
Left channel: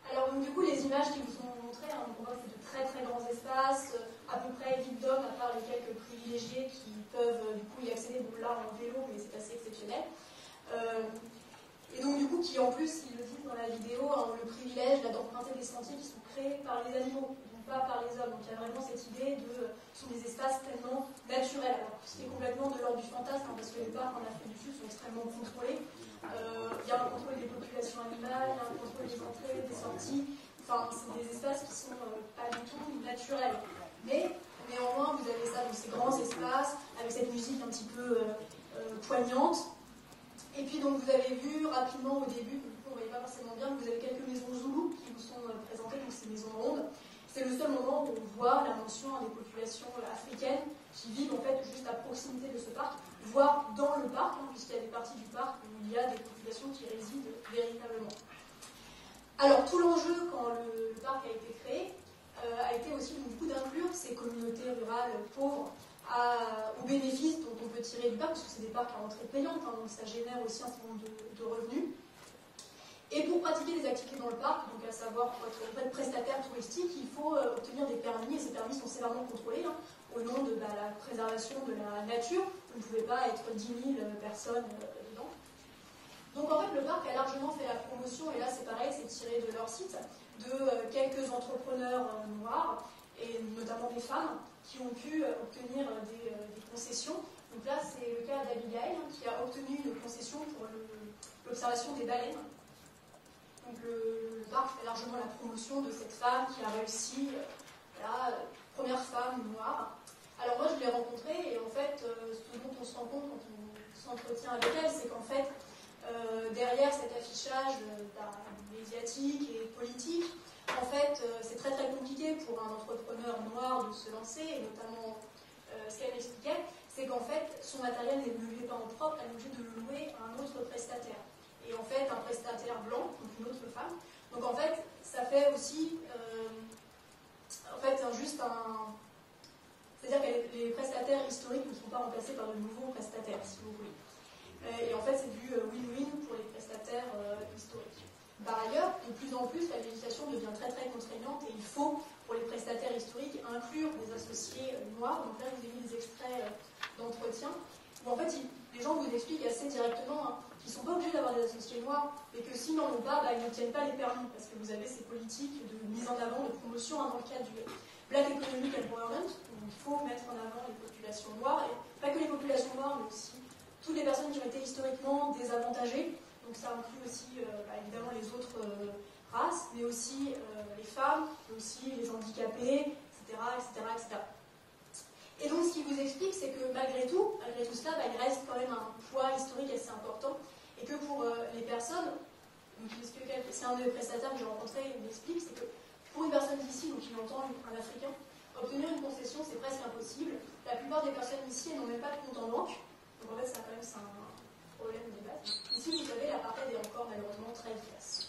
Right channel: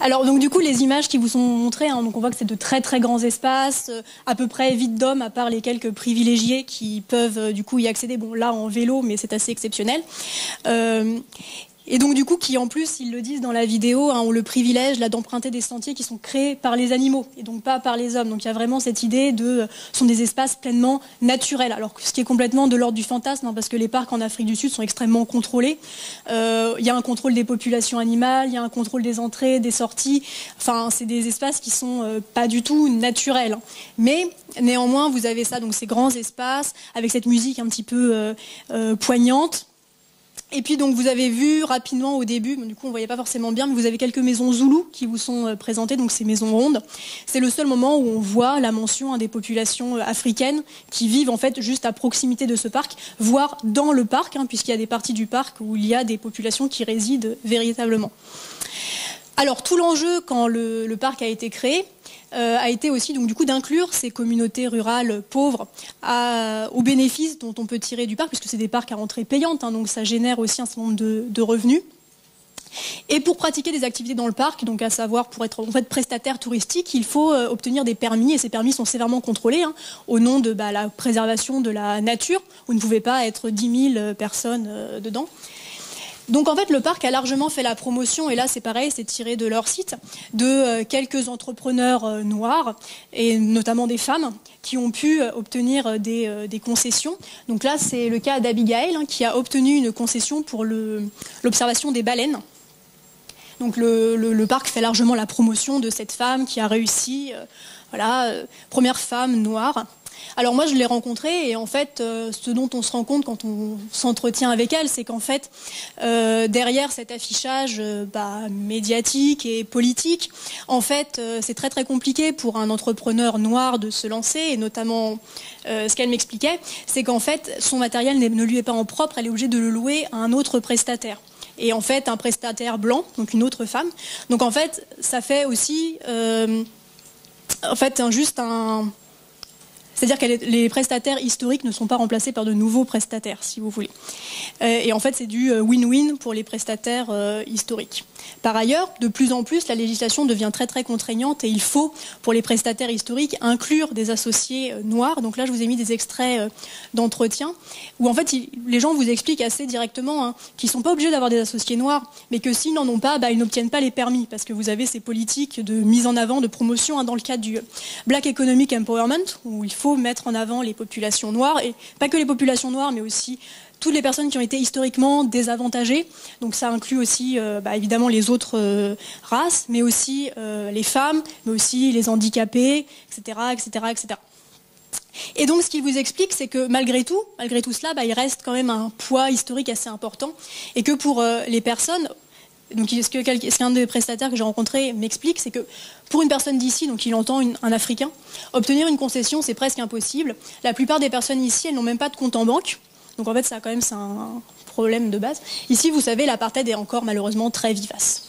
Alors donc du coup les images qui vous sont montrées, donc on voit que c'est de très très grands espaces, à peu près vides d'hommes à part les quelques privilégiés qui peuvent du coup y accéder. Bon là en vélo mais c'est assez exceptionnel. Et donc du coup qui en plus, ils le disent dans la vidéo, ont le privilège là d'emprunter des sentiers qui sont créés par les animaux et donc pas par les hommes. Donc il y a vraiment cette idée sont des espaces pleinement naturels. Alors ce qui est complètement de l'ordre du fantasme, parce que les parcs en Afrique du Sud sont extrêmement contrôlés. Il y a un contrôle des populations animales, il y a un contrôle des entrées, des sorties. Enfin c'est des espaces qui sont pas du tout naturels. Mais néanmoins vous avez ça, donc ces grands espaces avec cette musique un petit peu poignante. Et puis donc vous avez vu rapidement au début, du coup on ne voyait pas forcément bien, mais vous avez quelques maisons zoulous qui vous sont présentées, donc ces maisons rondes. C'est le seul moment où on voit la mention des populations africaines qui vivent en fait juste à proximité de ce parc, voire dans le parc, puisqu'il y a des parties du parc où il y a des populations qui résident véritablement. Alors tout l'enjeu quand le parc a été créé, a été aussi donc, du coup, d'inclure ces communautés rurales pauvres aux bénéfices dont on peut tirer du parc, puisque c'est des parcs à entrée payante, donc ça génère aussi un certain nombre de revenus. Et pour pratiquer des activités dans le parc, donc à savoir pour être en fait prestataire touristique, il faut obtenir des permis, et ces permis sont sévèrement contrôlés au nom de la préservation de la nature. Vous ne pouvez pas être 10 000 personnes dedans. Donc en fait, le parc a largement fait la promotion, et là c'est pareil, c'est tiré de leur site, de quelques entrepreneurs noirs, et notamment des femmes, qui ont pu obtenir des concessions. Donc là, c'est le cas d'Abigail, qui a obtenu une concession pour l'observation des baleines. Donc le parc fait largement la promotion de cette femme qui a réussi, première femme noire. Alors moi je l'ai rencontrée, et en fait ce dont on se rend compte quand on s'entretient avec elle, c'est qu'en fait derrière cet affichage médiatique et politique, en fait c'est très très compliqué pour un entrepreneur noir de se lancer, et notamment ce qu'elle m'expliquait, c'est qu'en fait son matériel ne lui est pas en propre, elle est obligée de le louer à un autre prestataire. Et en fait un prestataire blanc, donc une autre femme. Donc en fait ça fait aussi c'est-à-dire que les prestataires historiques ne sont pas remplacés par de nouveaux prestataires, si vous voulez. Et en fait, c'est du win-win pour les prestataires historiques. Par ailleurs, de plus en plus, la législation devient très très contraignante, et il faut, pour les prestataires historiques, inclure des associés noirs. Donc là, je vous ai mis des extraits d'entretien, où en fait, les gens vous expliquent assez directement qu'ils ne sont pas obligés d'avoir des associés noirs, mais que s'ils n'en ont pas, ils n'obtiennent pas les permis, parce que vous avez ces politiques de mise en avant, de promotion, dans le cadre du Black Economic Empowerment, où il faut mettre en avant les populations noires, et pas que les populations noires, mais aussi toutes les personnes qui ont été historiquement désavantagées. Donc ça inclut aussi évidemment les autres races, mais aussi les femmes, mais aussi les handicapés, etc., etc., etc. Et donc ce qu'il vous explique, c'est que malgré tout cela, il reste quand même un poids historique assez important, et que pour les personnes, donc ce qu'un des prestataires que j'ai rencontré m'explique, c'est que pour une personne d'ici, donc il entend un Africain, obtenir une concession, c'est presque impossible. La plupart des personnes ici, elles n'ont même pas de compte en banque. Donc en fait, ça quand même, c'est un problème de base. Ici, vous savez, l'apartheid est encore malheureusement très vivace.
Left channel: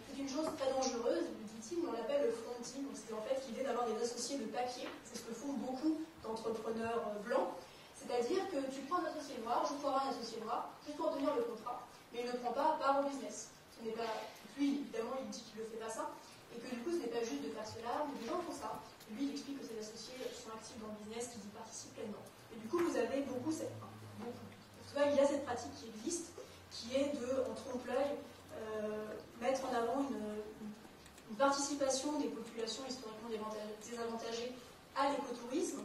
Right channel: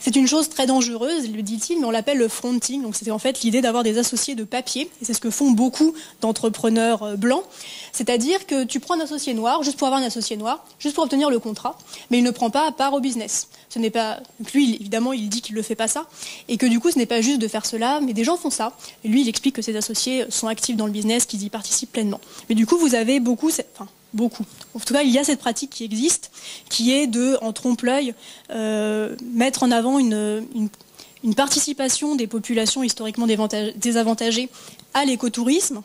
C'est une chose très dangereuse, le dit-il, mais on l'appelle le fronting. Donc c'était en fait l'idée d'avoir des associés de papier, et c'est ce que font beaucoup d'entrepreneurs blancs. C'est-à-dire que tu prends un associé noir, juste pour avoir un associé noir, juste pour obtenir le contrat, mais il ne prend pas part au business. Ce n'est pas... Donc lui, évidemment, il dit qu'il ne fait pas ça, et que du coup, ce n'est pas juste de faire cela, mais des gens font ça. Et lui, il explique que ses associés sont actifs dans le business, qu'ils y participent pleinement. Mais du coup, vous avez beaucoup... beaucoup. En tout cas, il y a cette pratique qui existe, qui est de, en trompe-l'œil, mettre en avant une participation des populations historiquement désavantagées à l'écotourisme.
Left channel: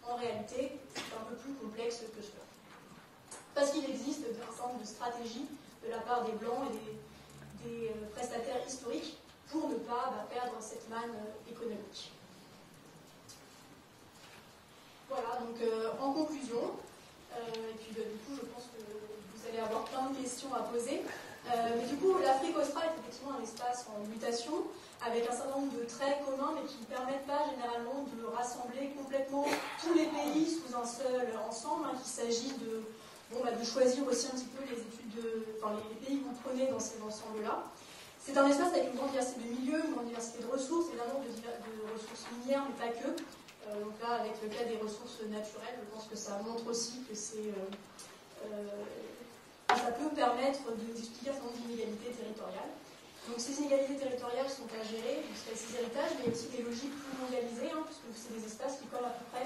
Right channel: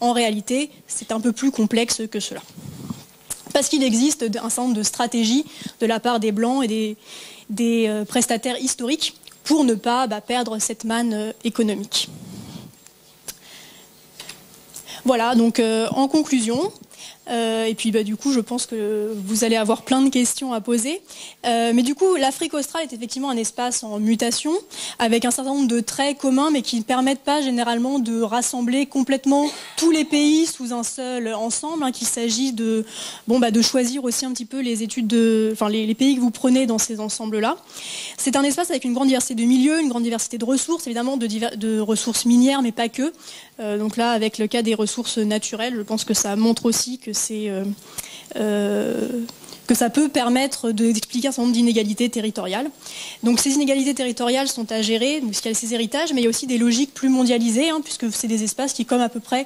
En réalité, c'est un peu plus complexe que cela. Parce qu'il existe un certain nombre de stratégies de la part des Blancs et des prestataires historiques pour ne pas perdre cette manne économique. Voilà, donc en conclusion... et puis du coup, je pense que vous allez avoir plein de questions à poser. Mais du coup, l'Afrique australe est effectivement un espace en mutation, avec un certain nombre de traits communs, mais qui ne permettent pas généralement de rassembler complètement tous les pays sous un seul ensemble, qu'il s'agit de choisir aussi un petit peu les pays que vous prenez dans ces ensembles-là. C'est un espace avec une grande diversité de milieux, une grande diversité de ressources, évidemment de ressources minières, mais pas que. Donc là, avec le cas des ressources naturelles, je pense que ça montre aussi que ça peut permettre d'expliquer un certain nombre d'inégalités territoriales. Donc ces inégalités territoriales sont à gérer, parce qu'il y a ces héritages, mais il y a aussi des logiques plus mondialisées, puisque c'est des espaces qui, comme à peu près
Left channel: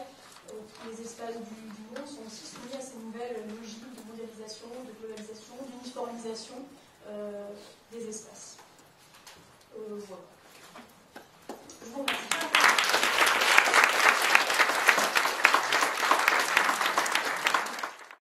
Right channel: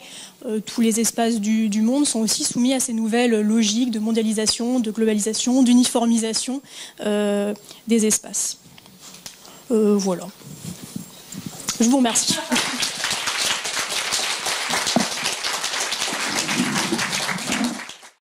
tous les espaces du monde, sont aussi soumis à ces nouvelles logiques de mondialisation, de globalisation, d'uniformisation des espaces. Voilà. Je vous remercie.